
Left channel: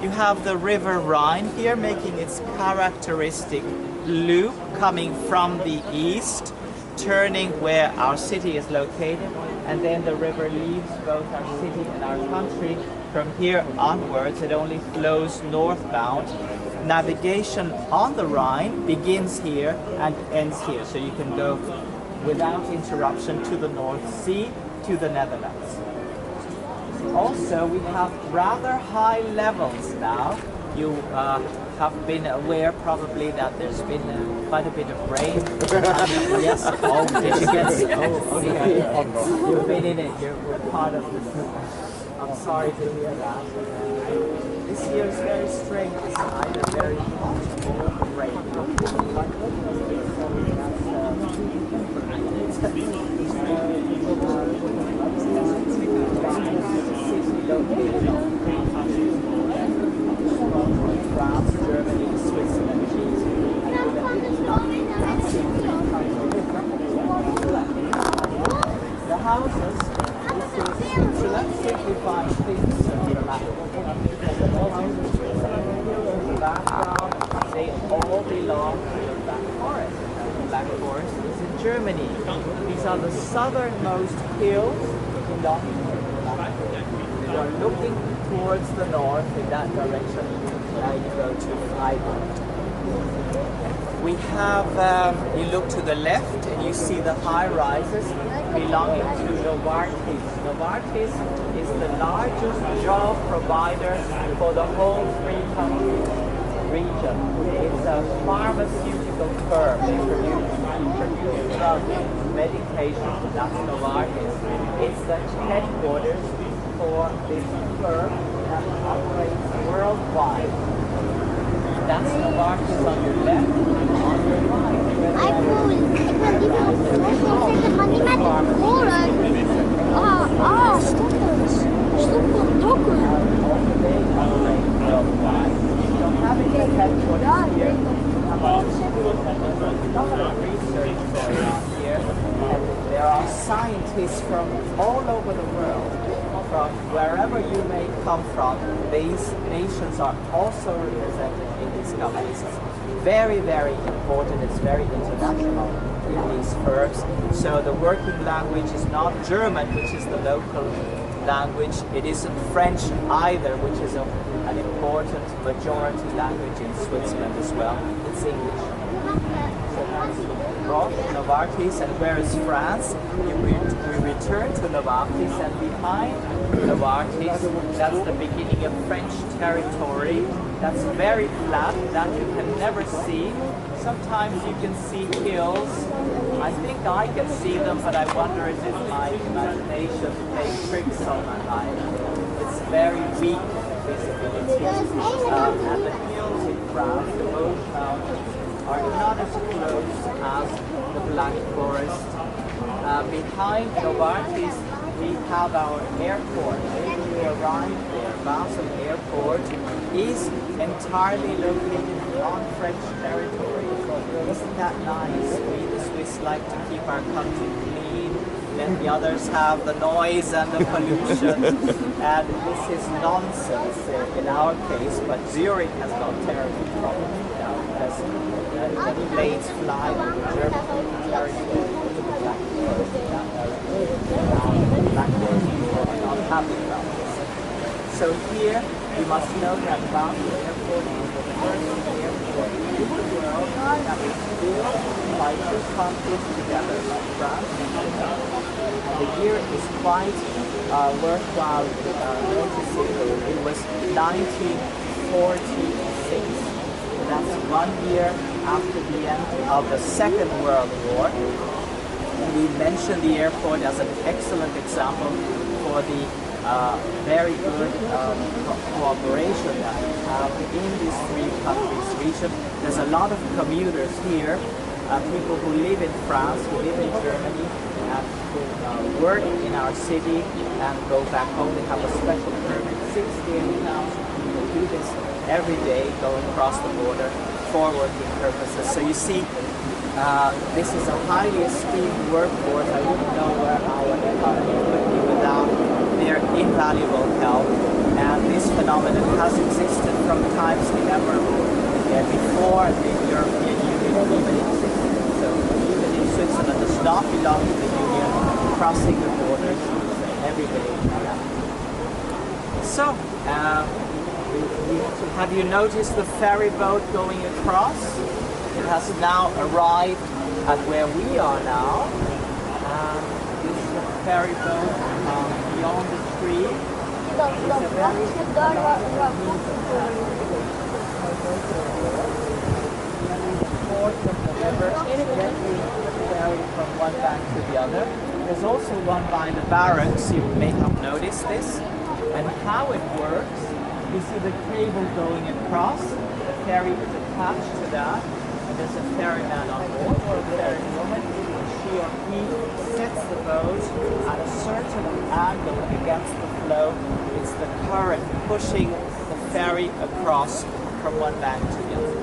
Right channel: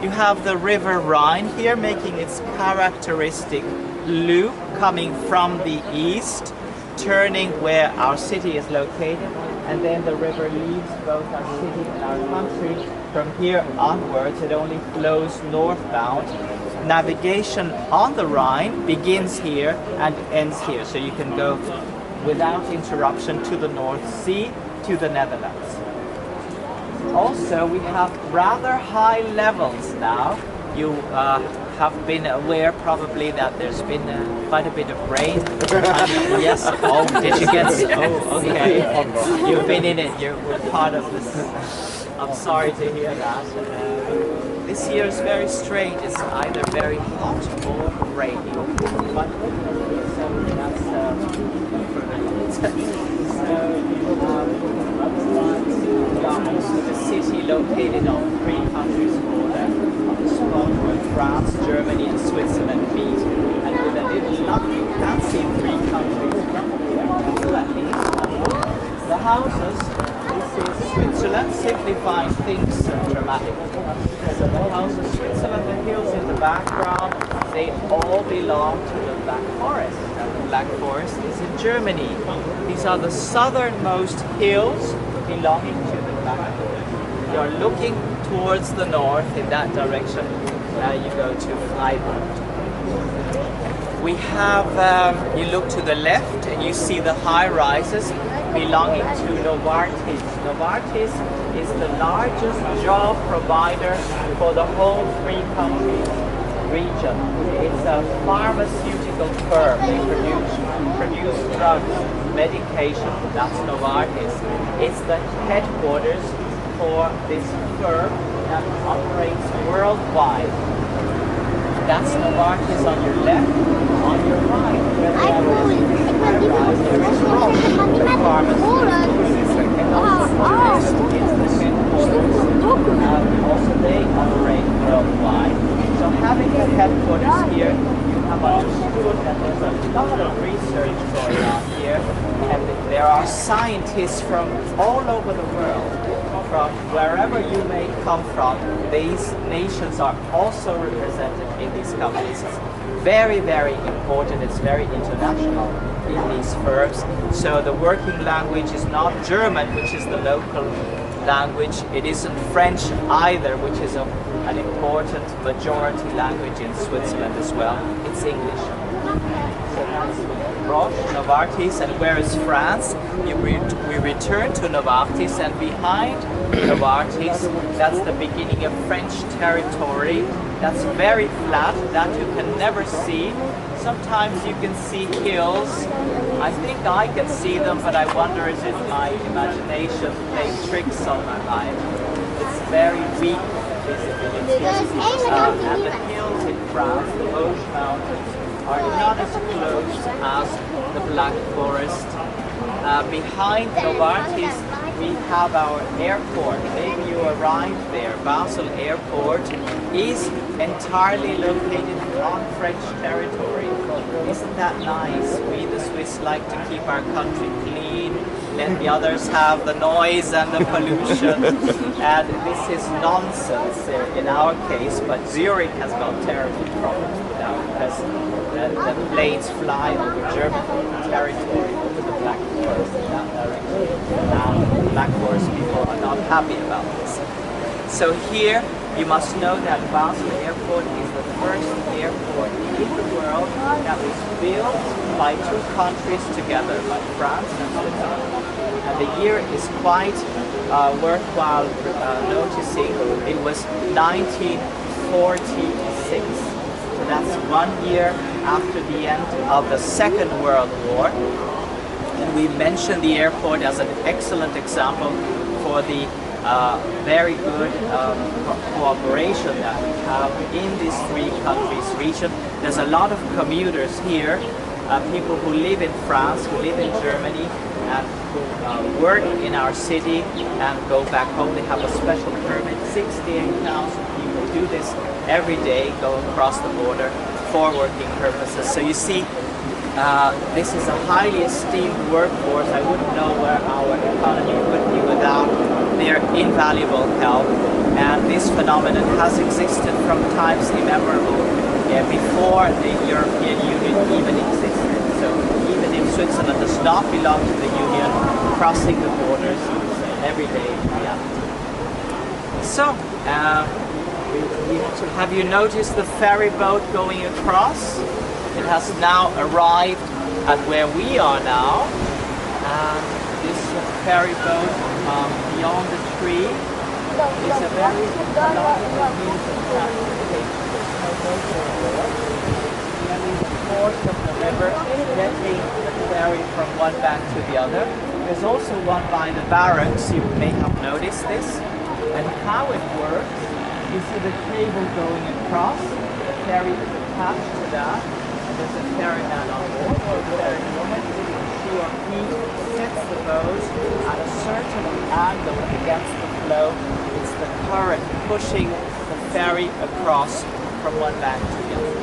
You have the river Rhine here making its characteristic loop coming from the east, turning where our city is located, and then the river leaves both our city and our country. From here onwards, it only flows northbound. Navigation on the Rhine begins here and ends here, so you can go without interruption to the North Sea, to the Netherlands. Also, we have rather high levels now. You have been aware probably that there's been quite a bit of rain. Yes. Oh, did you get? Oh, okay. You've been in it. You're part of this. I'm sorry to hear that. This year is very strange. It's either very hot or rainy. But that's the city located on 3 countries border. France, Germany, and Switzerland meet, and with a little luck, that's in 3 countries. The houses, this is Switzerland, simplifying things dramatically. So the houses, Switzerland, the hills in the background, they all belong to the Black Forest. The Black Forest is in Germany. These are the southernmost hills belonging to the Black Forest. You are looking towards the north in that direction. You go to Freiburg. We have, you look to the left and you see the high rises belonging to Novartis. Novartis is the largest job provider for the whole 3-country region. It's a pharmaceutical firm. They produce drugs, medication, that's Novartis. It's the headquarters for this firm that operates worldwide. That's Novartis on your left. On your right. Ik wil liever op de grond zitten, maar niet met de kolen. Stoppen, dokken. Also, they operate worldwide. So having a headquarters here, research going on here, and there are scientists from all over the world, from wherever you may come from. These nations are also represented in these companies. It's very, very important. It's very international in these firms. So the working language is not German, which is the local language. It isn't French either, which is an important majority language in Switzerland as well. It's English. So that's Roche, Novartis, and where is France? We return to Novartis, and behind Novartis, that's the beginning of French territory. That's very flat, that you can never see. Sometimes you can see hills. I think I can see them, but I wonder if my imagination playing tricks on my mind. It's very weak visibility. And the hills in France, the Vosges Mountains, are not as close as the Black Forest. Behind Novartis, we have our airport. Maybe you arrived there. Basel Airport is entirely located on French territory. Isn't that nice? We the Swiss like to keep our country clean, let the others have the noise and the pollution. And this is nonsense in our case, but Zurich has got terrible problems now because the planes fly over German territory over the Black Forest in that direction. Now the Black Forest people are not happy about this. So here you must know that Basel Airport is the first airport in the world that was built by two countries together, by France and Italy. And the year is quite worthwhile noticing. It was 1946. So that's 1 year after the end of the Second World War. And we mentioned the airport as an excellent example for the very good cooperation that we have in these three countries region. There's a lot of commuters here, people who live in France, who live in Germany, and who work in our city and go back home. They have a special permit. 68,000 people do this every day, go across the border for working purposes. So you see, this is a highly esteemed workforce. I wouldn't know where our economy would be without their invaluable help. And this phenomenon has existed from times immemorable, before the European Union even existed. So even if Switzerland does not belong to the Union, crossing the borders every day. Yeah. So, have you noticed the ferry boat going across? It has now arrived at where we are now. This ferry boat beyond the tree is a very of the river gently ferry from one bank to the other. There's also one by the barracks, you may have noticed this. And how it works, you see the cable going across, the ferry is attached to that, and there's a ferryman on board, or a ferrywoman. She or he sets the boat at a certain angle against the flow. It's the current pushing the ferry across from one bank to the other.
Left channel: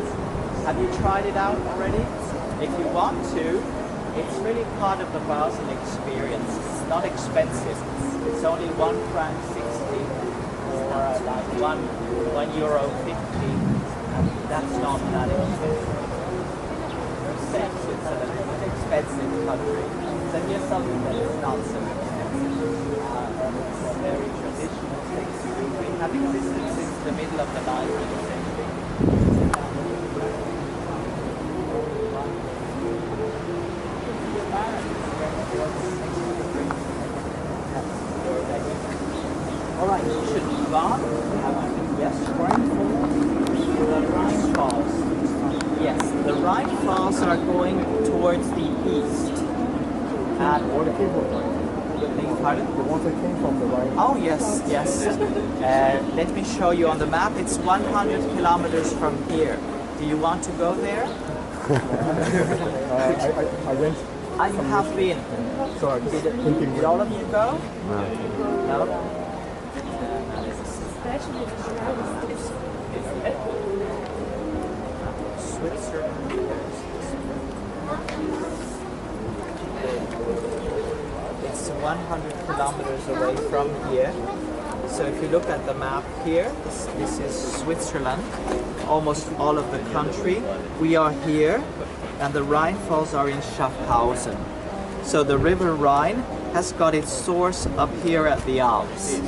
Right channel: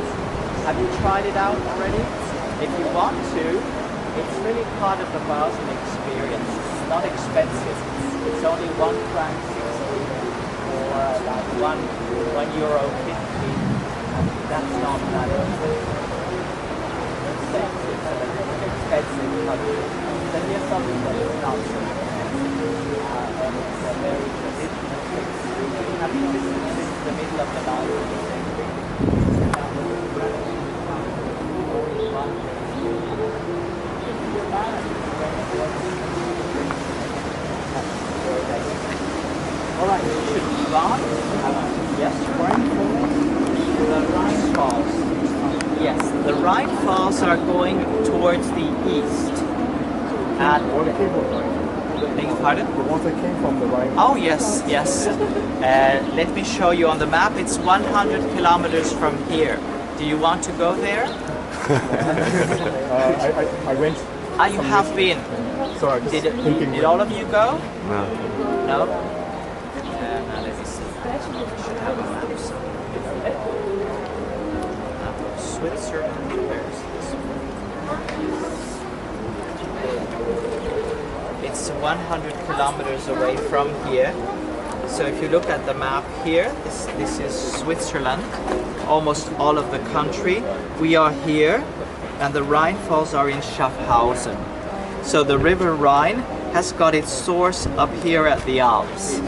Have you tried it out already? If you want to, it's really part of the Basel experience. It's not expensive. It's only €1.60 or like €1.50, and that's not that expensive. It's an expensive country. Then here's something that is not so expensive, and it's a very traditional thing. They have existed since the middle of the 19th century. Alright, you should move on. Yes, the Rhine Falls. Yes, the Rhine Falls are going towards the east. And Water came from Rhine. beg your pardon? The water came from the Rhine. Oh yes, yes. Let me show you on the map. It's 100 kilometers from here. Do you want to go there? I went. Ah, you have been. So I was thinking. Did all of you go? No. No? Now let me see. I should have a map. Switzerland. Where's this? It's 100 kilometers away from here. So if you look at the map here, this is Switzerland, almost all of the country. We are here, and the Rhine Falls are in Schaffhausen. So the river Rhine has got its source up here at the Alps,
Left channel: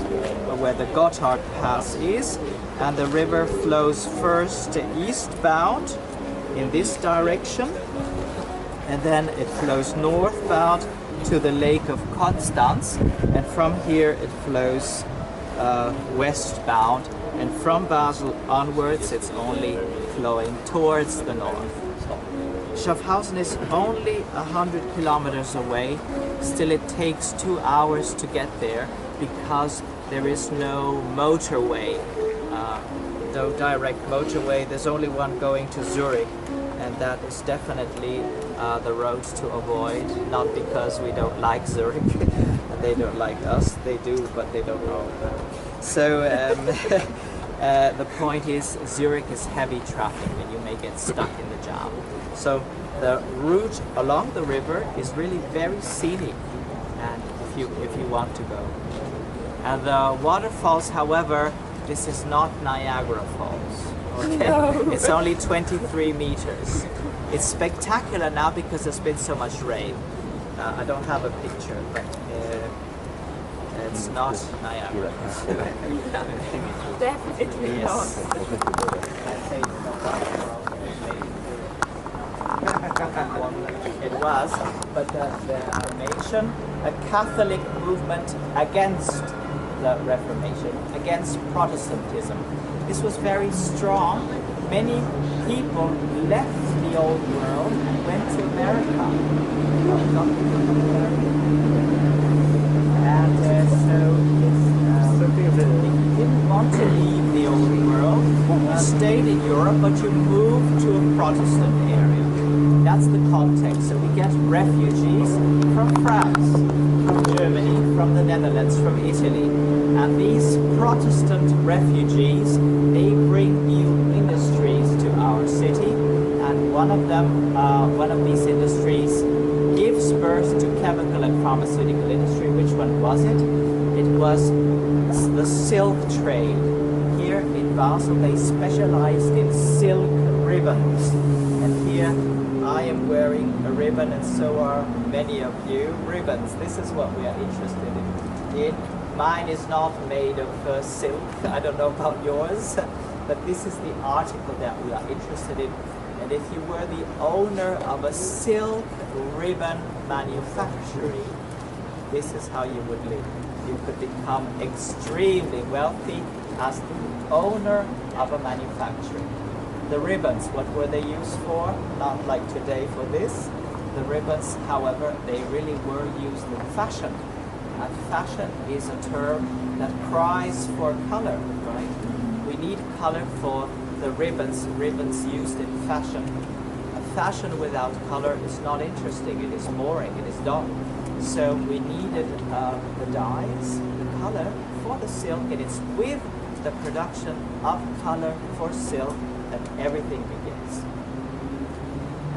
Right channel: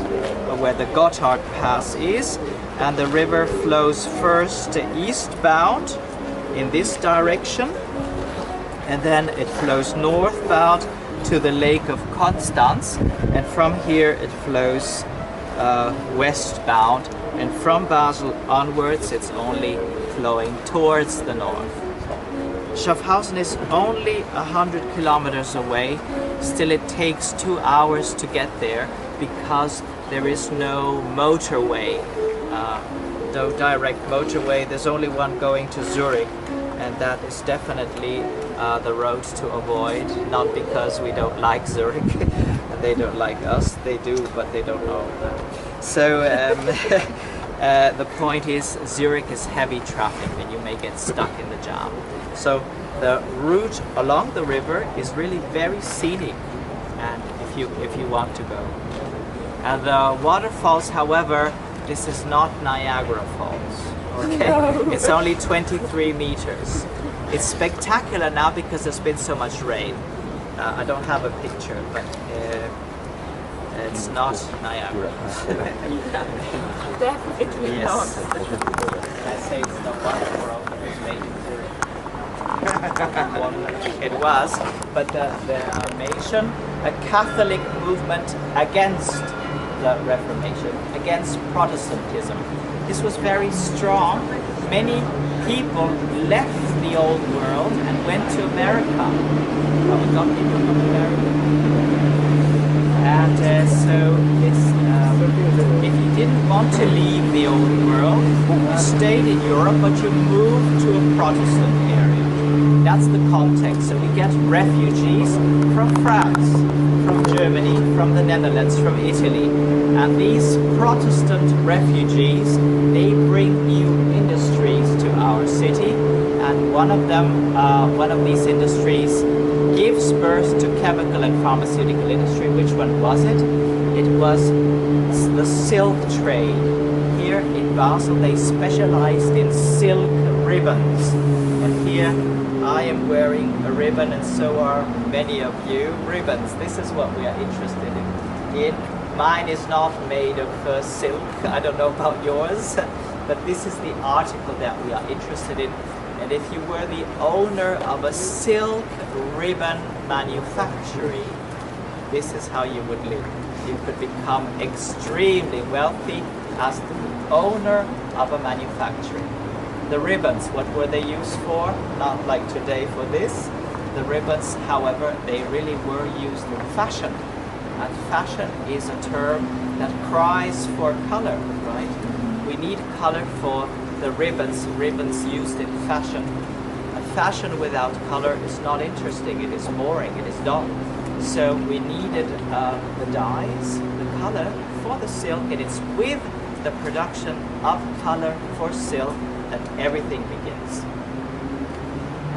where the Gotthard Pass is, and the river flows first eastbound in this direction, and then it flows northbound to the Lake of Constance, and from here it flows westbound, and from Basel onwards it's only flowing towards the north. Schaffhausen is only 100 kilometers away. Still it takes 2 hours to get there because there is no motorway, no direct motorway. There's only one going to Zurich, and that is definitely the road to avoid, not because we don't like Zurich and they don't like us, they do, but they don't know. So the point is, Zurich is heavy traffic and you may get stuck in the jam. So the route along the river is really very scenic, and if you want to go. And the waterfalls, however, this is not Niagara Falls. Okay? No. It's only 23 meters. It's spectacular now because there's been so much rain. I don't have a picture, but it's not Niagara. Definitely yes. not. I say it's not one of the world that was made it was, but the Reformation, a Catholic movement against the Reformation, against Protestantism. This was very strong. Many people left the old world and went to America. Well, we got people from America. And if you didn't want to leave the old world, you stayed in Europe, but you moved to a Protestant area. That's the context. So we get refugees from France, from Germany, from the Netherlands, from Italy. And these Protestant refugees, they bring new industries to our city. And one of them, one of these industries gives birth to chemical and pharmaceutical industry. Which one was it? It was the silk trade. Here in Basel, they specialized in silk ribbons. And here I am wearing a ribbon, and so are many of you. Ribbons, this is what we are interested in. Mine is not made of silk. I don't know about yours, but this is the article that we are interested in. And if you were the owner of a silk ribbon manufactory, this is how you would live. You could become extremely wealthy as the owner of a manufacturing. The ribbons, what were they used for? Not like today for this. The ribbons, however, they really were used in fashion. And fashion is a term that cries for color, right? We need color for the ribbons used in fashion. A fashion without color is not interesting, it is boring, it is dull. So we needed the dyes, the color for the silk, and it's with the production of color for silk that everything begins.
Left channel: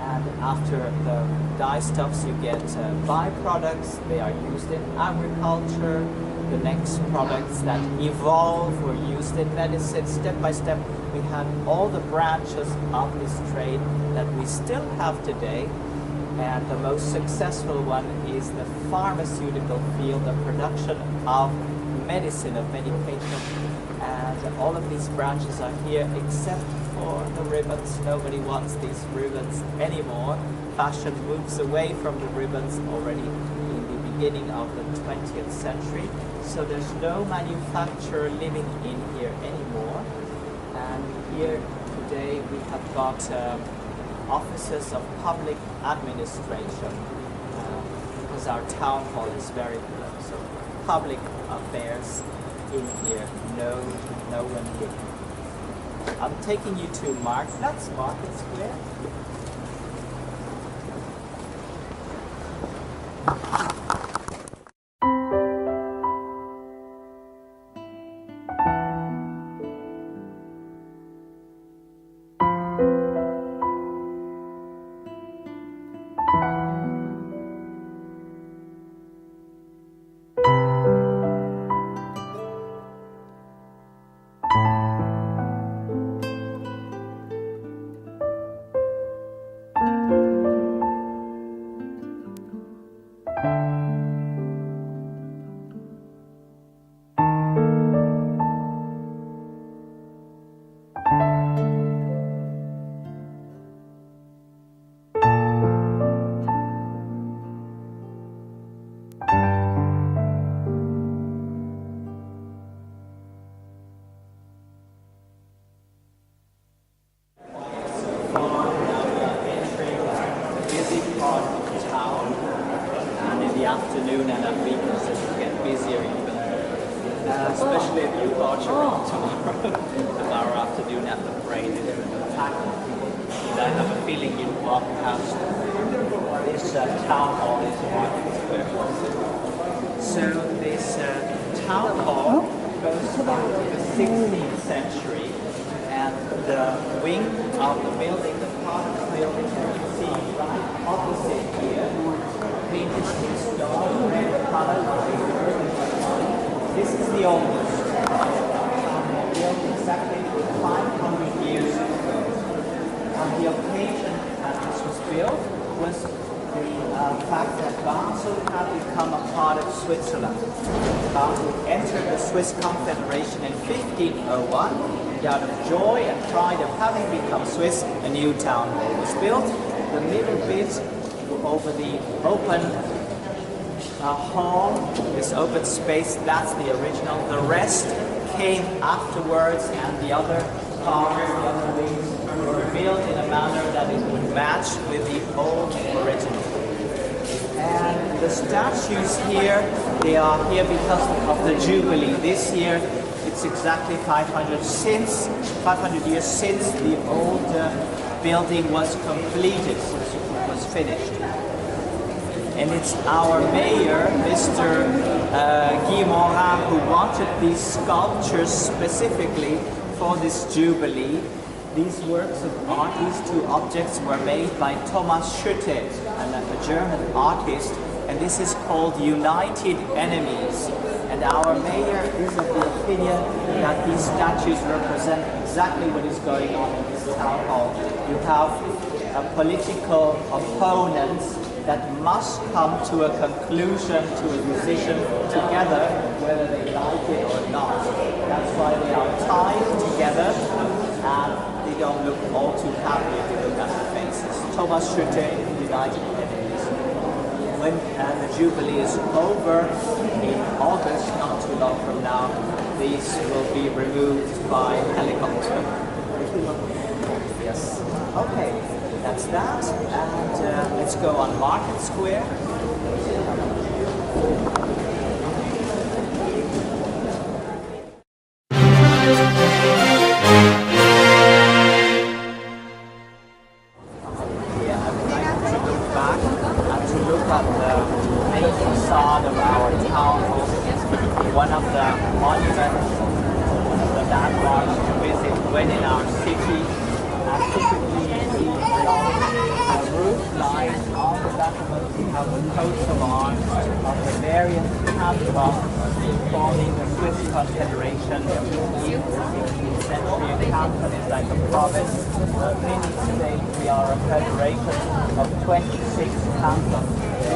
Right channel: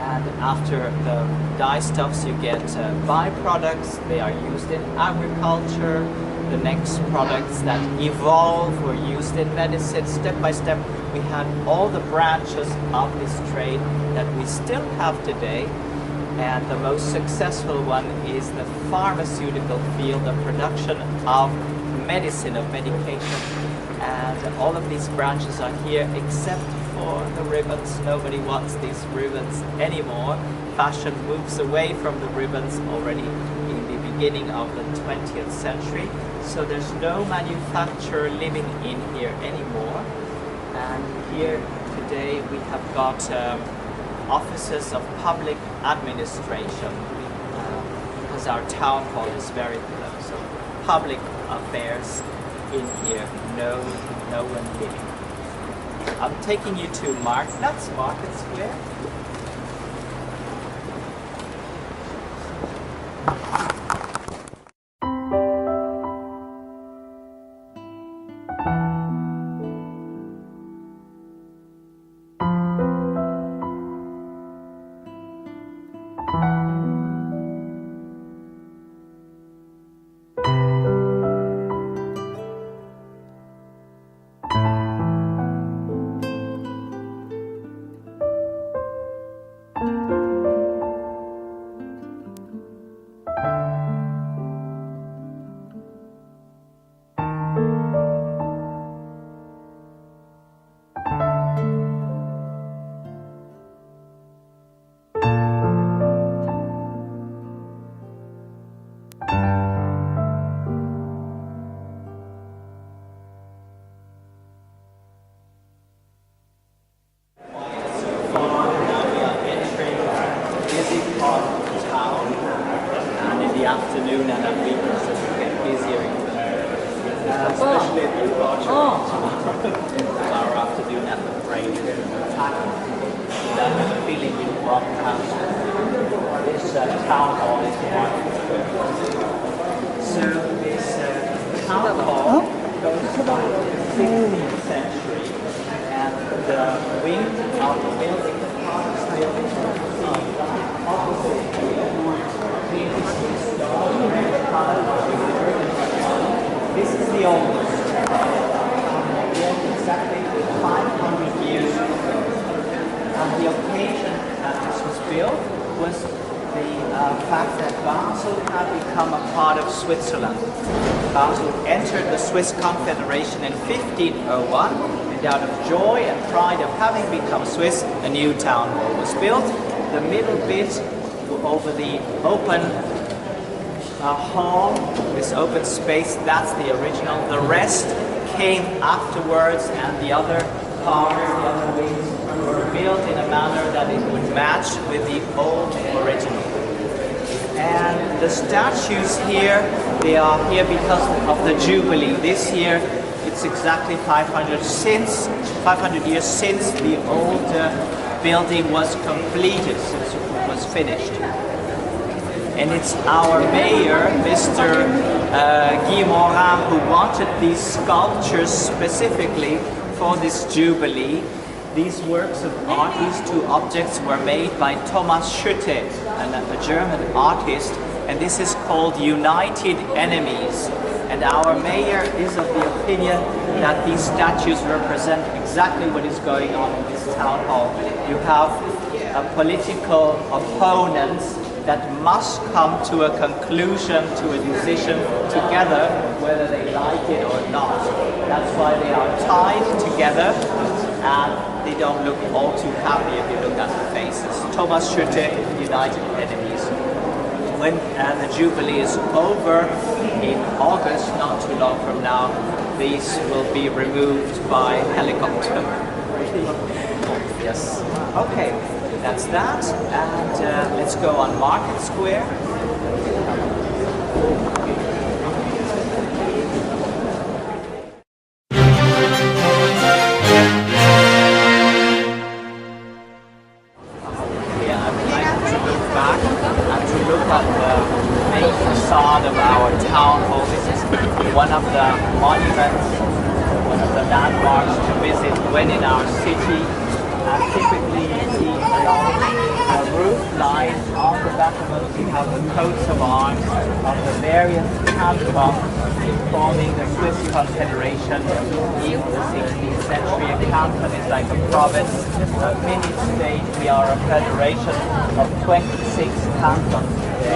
And after the dye stuffs, you get byproducts. They are used in agriculture. The next products that evolve were used in medicine. Step by step, we had all the branches of this trade that we still have today. And the most successful one is the pharmaceutical field, the production of medicine, of medication. And all of these branches are here except for the ribbons. Nobody wants these ribbons anymore. Fashion moves away from the ribbons already in the beginning of the 20th century. So there's no manufacturer living in here anymore. And here today we have got offices of public administration because our town hall is very close. So public affairs in here, no one living. I'm taking you to that's Market Square. Afternoon and at weekends it will get busier even, especially if you got tomorrow afternoon at the parade. And I have a feeling you walk past this town hall is Market Square. So this town hall goes back to the 16th century, and the wing of the building, the part of the building you can see right opposite here. This is the oldest. Exactly 500 years ago. And the occasion that this was built was the fact that Basel had become a part of Switzerland. Basel entered the Swiss Confederation in 1501, and out of joy and pride of having become Swiss, a new town hall was built. The middle bit over the open hall, this open space, that's the original. The rest came afterwards, and the other parts, the other wings, were built in a manner that it would match with the old original. And the statues here, they are here because of the Jubilee. This year, it's exactly 500 years since the old building was completed, since it was finished. And it's our mayor, Mr. Guy Morin, who wanted these sculptures specifically for this Jubilee. These works of art, these two objects were made by Thomas Schütte, a German artist, and this is called United Enemies. And our mayor is of the opinion that these statues represent exactly what is going on in this town hall. You have political opponents that must come to a conclusion, to a decision together, whether they like it or not. That's why they are tied together, and they don't look all too happy if you look at the faces. Thomas Schütte, United Enemies. When the Jubilee is over in August, not too long from now, these will be removed by helicopter. Yes. Okay. That's that, and let's go on Market Square. Yeah, I would like to look back and to look at the main facade of our town hall. This is one of the monuments, the landmarks to visit when in our city. Typically you see along the roof line on the back of it we have the coats of arms of the various cantons forming the Swiss Confederation in the 16th century. A canton is like a province, a mini-state. We are a federation of 26 cantons. We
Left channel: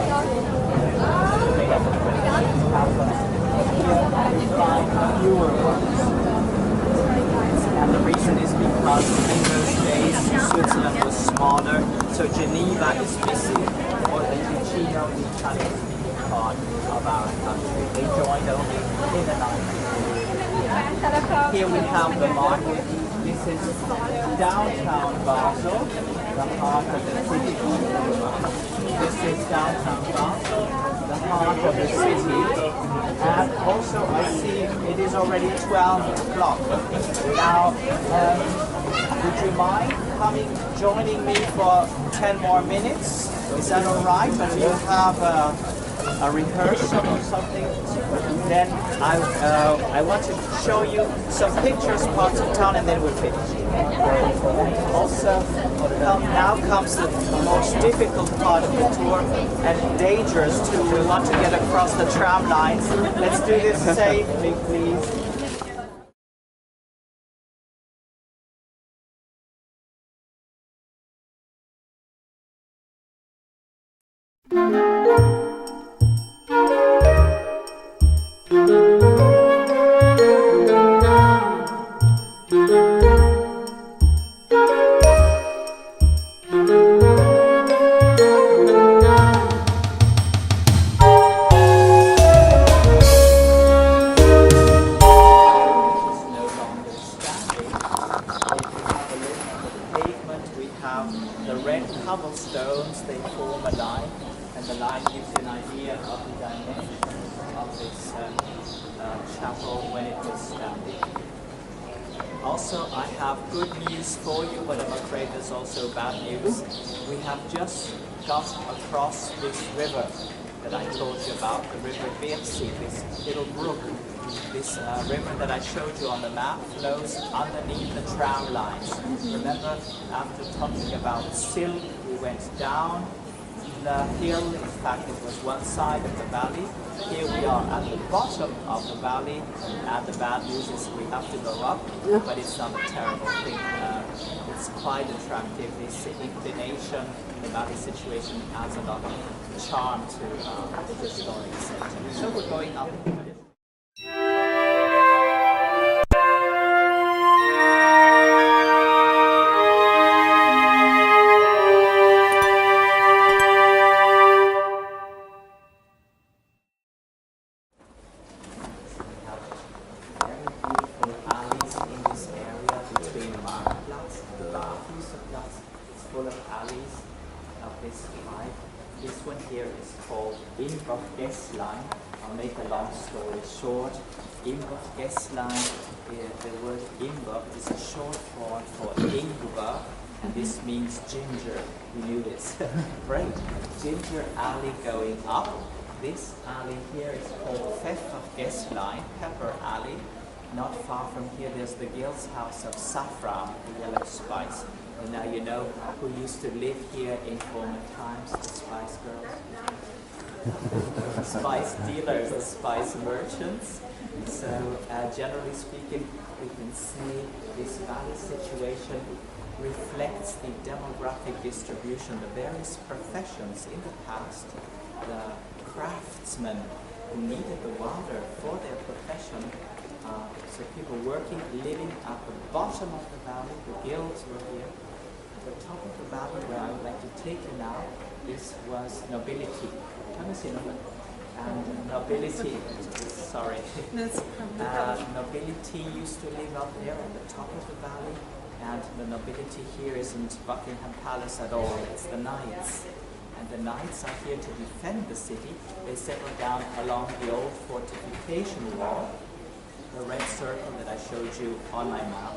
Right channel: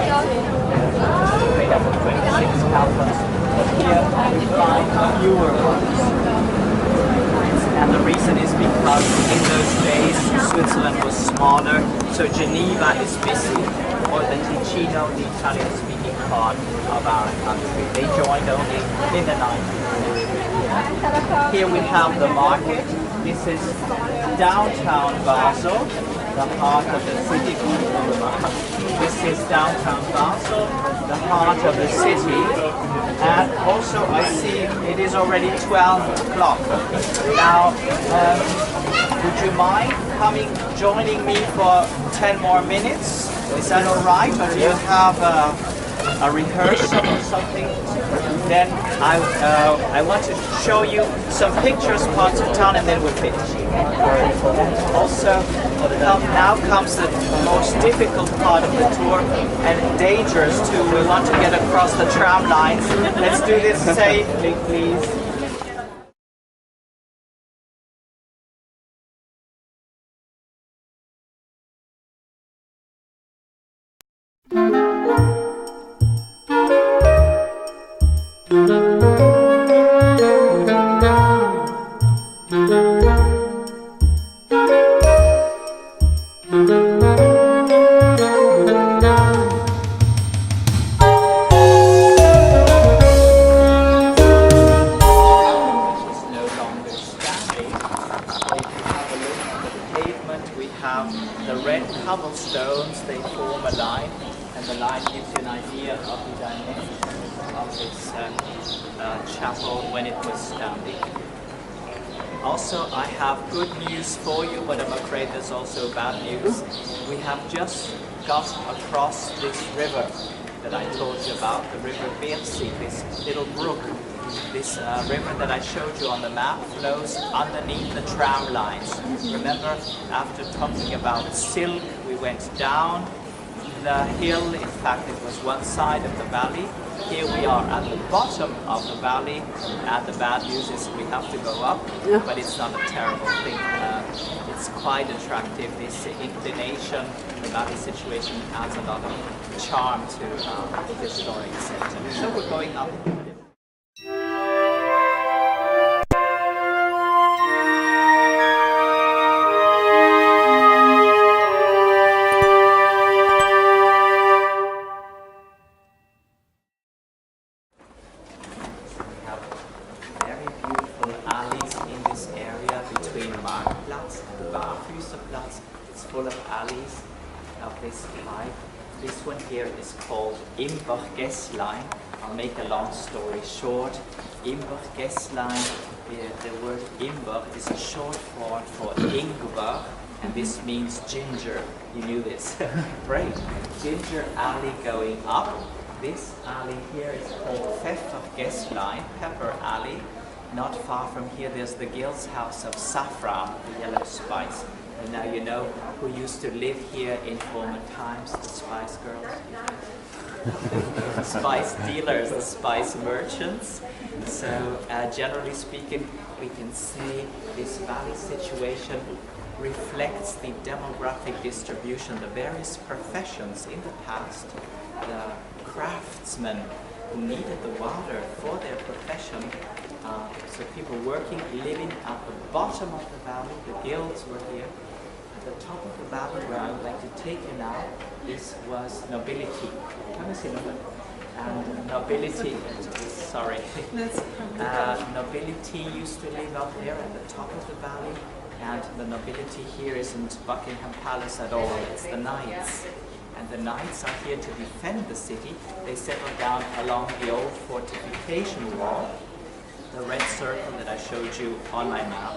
have 26 cantons, but here we find fewer ones. And the reason is because in those days Switzerland was smaller, so Geneva is missing, or the Ticino, the Italian-speaking part of our country. They joined only in the 90s. Here we have the market. This is downtown Basel, the heart of the city. This is downtown Basel, the heart of the city. And also I see it is already 12 o'clock. Now, would you mind joining me for 10 more minutes? Is that all right? But do you have a rehearsal or something? Then I want to show you some pictures, parts of town, and then we'll finish. Also, now comes the most difficult part of the tour, and dangerous too. We want to get across the tram lines. Let's do this safely, please. Cobblestones, they form a line, and the line gives you an idea of the dimensions of this chapel when it was standing. Also, I have good news for you, but I'm afraid there's also bad news. We have just got across this river that I told you about, the river Bersig, this little brook. This river that I showed you on the map flows underneath the tram lines. Remember, after talking about silk, we went down the hill. In fact, it was one side of the valley. Here we are at the bottom of the valley, and the bad news is we have to go up, but it's not a terrible thing. It's quite attractive. This inclination, the valley situation adds a lot of charm to the historic center. So we're going up. This one here is called Imbergässlein. I'll make a long story short. Imbergässlein, the word Imber is a short form for Ingwer, and this means ginger. You knew this. Great. Ginger alley going up. This alley here is called Pfeffergässlein, Pepper Alley. Not far from here there's the guild's house of saffron, the yellow spice. And now you know who used to live here in former times, the Spice Girls. The spice dealers, the spice merchants. So generally speaking, we can say this valley situation reflects the demographic distribution, the various professions in the past, the craftsmen who needed the water for their profession. So people working, living at the bottom of the valley, the guilds were here. At the top of the valley, where I would like to take you now, this was nobility. And nobility, sorry, nobility used to live up there at the top of the valley, and the nobility here isn't Buckingham Palace at all, it's the knights. And the knights are here to defend the city. They settled down along the old fortification wall. The red circle that I showed you on my map,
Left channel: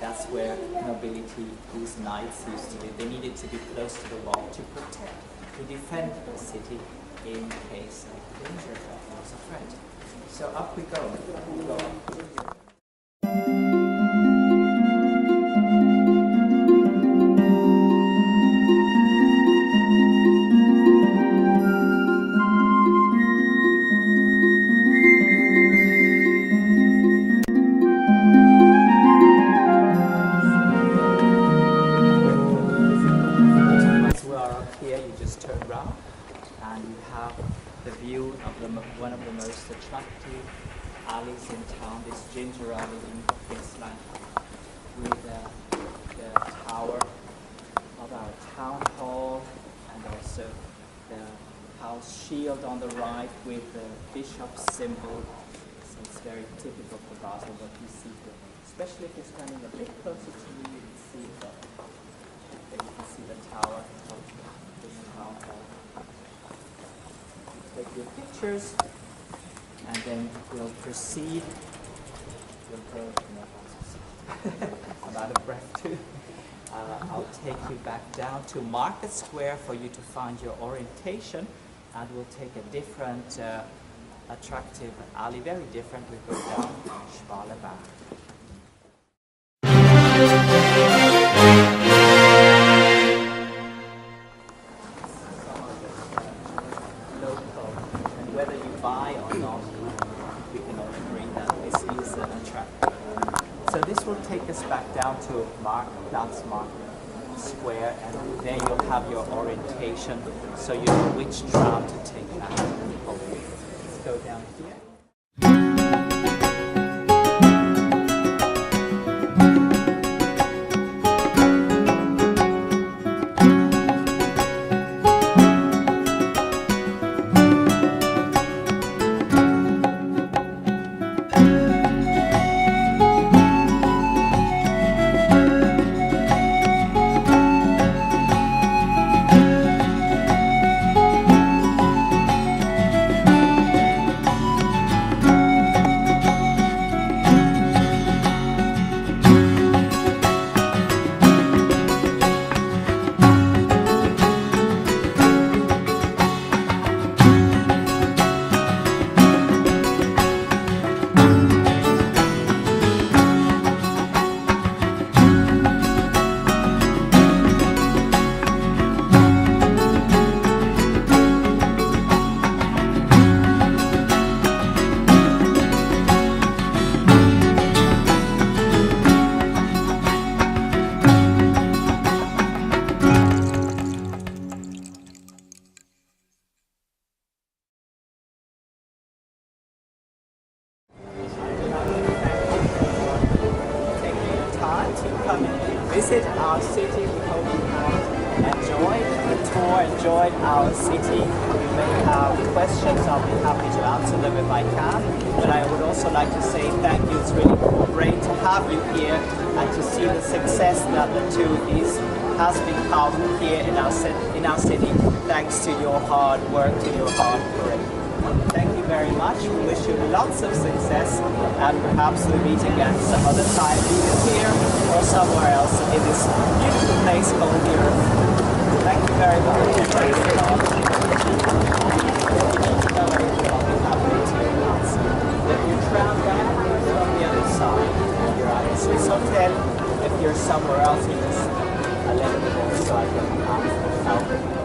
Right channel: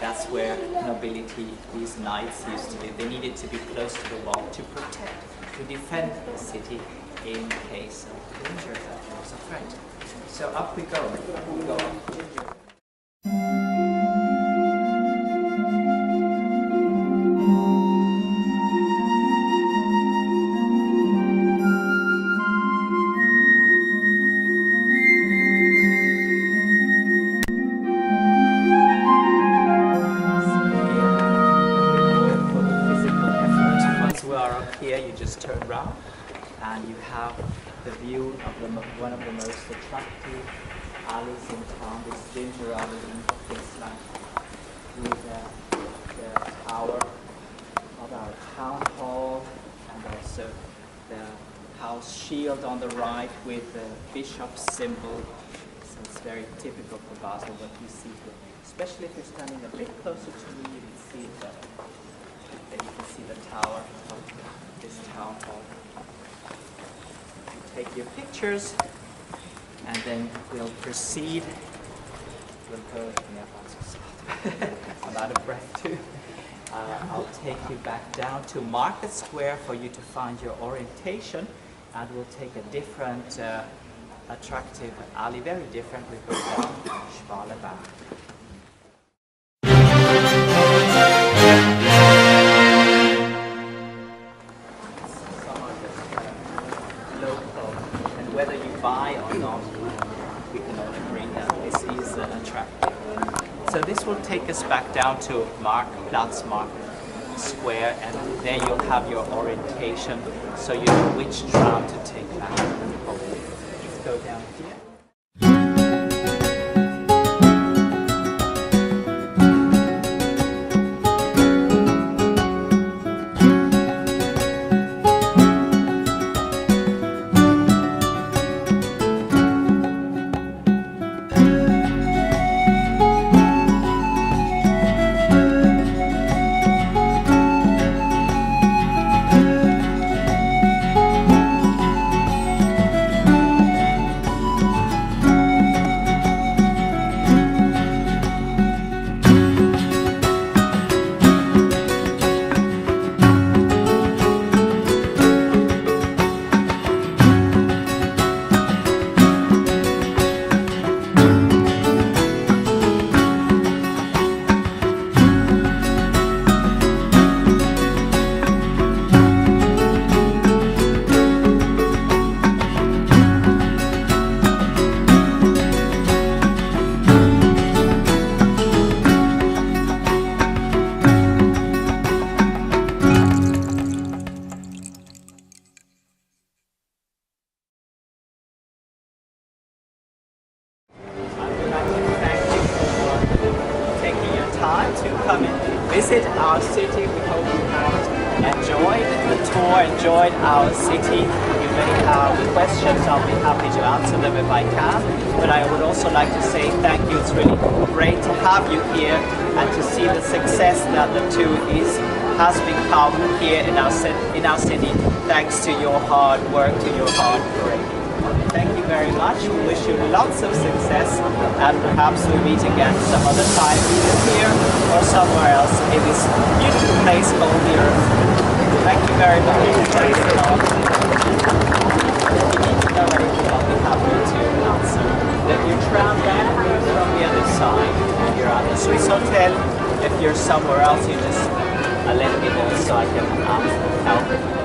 that's where nobility, these knights used to live. They needed to be close to the wall to protect, to defend the city in case of danger that there was a threat. So up we go. We go up. Turn around and you have the view of one of the most attractive alleys in town, this ginger alley in Basel, with the tower of our town hall and also the house shield on the right with the bishop's symbol. So it's very typical for Basel what you see here. Especially if you're standing a bit closer to me, you can see the tower of this town hall. You take your pictures, and then we'll proceed. We'll go, I'm out of breath too. I'll take you back down to Market Square for you to find your orientation, and we'll take a different, attractive alley, very different. We go down Schwalenbach. Some of the local, and whether you buy or not, we can all agree that this is attractive. So this will take us back down to Markt Square, and there you'll have your orientation, so you know which tram to take back home. Let's go down here. Visit our city. We hope you have enjoyed the tour, enjoyed our city. You may have questions, I'll be happy to answer them if I can. But I would also like to say thank you. It's really great to have you here and to see the success that the tour has become here in our city, thanks to your hard work, to your hard work. Thank you very much. We wish you lots of success, and perhaps we meet again some other time, either here or somewhere else in this beautiful place called the Earth. Thank you very much. Thanks a lot. If you need to know anything, I'll be happy to answer. If your tram back is from the other side, if you're at the Swiss Hotel, if you're somewhere else, you just let me know so I can help.